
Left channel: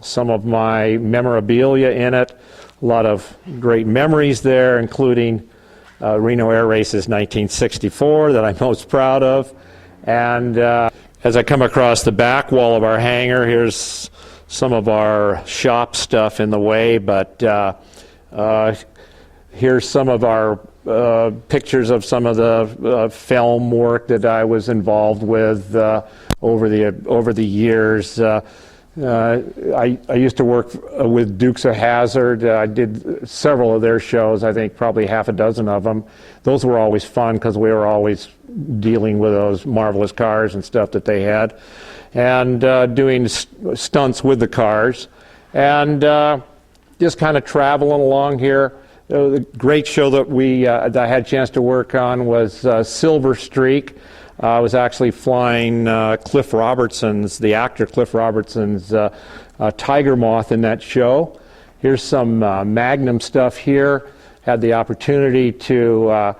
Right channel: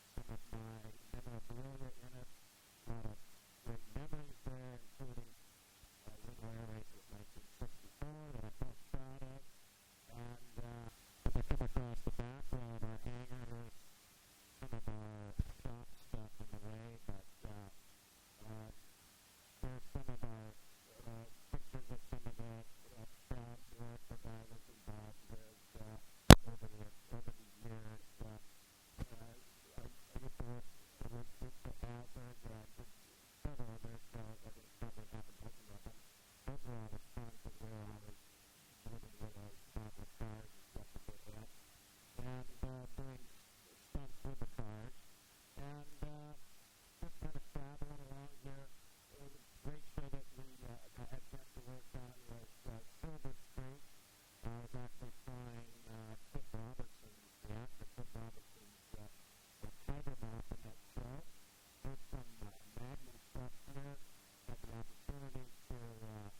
some of my memorabilia in it. A lot of great memories there, including Reno Air Races 1964 that I'm most proud of. And as I come across the back wall of our hangar, here's some of our shop stuff in the way, but here's some of our pictures of some of the film work that I was involved with over the years. I used to work with Dukes of Hazzard. I did several of their shows, I think probably half a dozen of them. Those were always fun because we were always dealing with those marvelous cars and stuff that they had, and doing stunts with the cars, and just kind of traveling along here. The great show that that I had a chance to work on was Silver Streak. I was actually flying Cliff Robertson's, the actor Cliff Robertson's Tiger Moth in that show. Here's some Magnum stuff here. Had the opportunity to,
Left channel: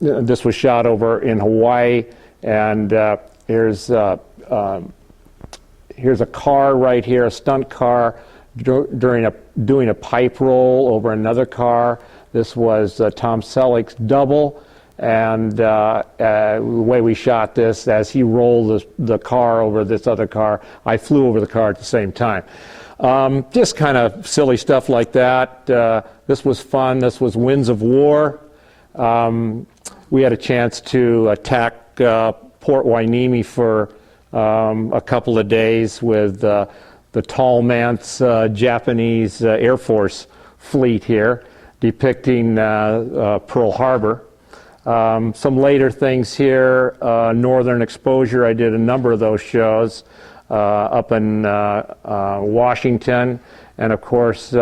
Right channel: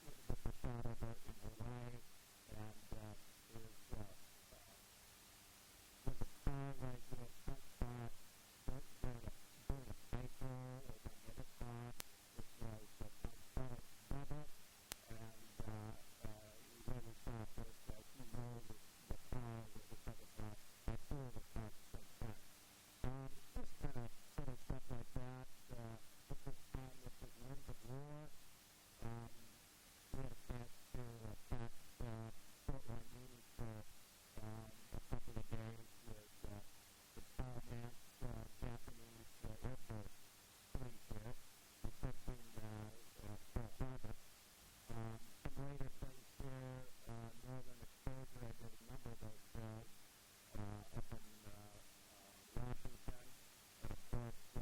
this was shot over in Hawaii, and here's a car right here, a stunt car, doing a pipe roll over another car. This was Tom Selleck's double, And the way we shot this, as he rolled the car over this other car, I flew over the car at the same time. Just kind of silly stuff like that. This was fun. This was Winds of War. We had a chance to attack Port Hueneme for a couple of days with the Tallman's Japanese Air Force fleet here, depicting Pearl Harbor. Some later things here, Northern Exposure, I did a number of those shows up in Washington, and of course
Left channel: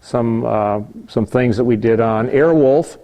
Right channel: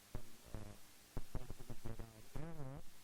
some things that we did on Airwolf,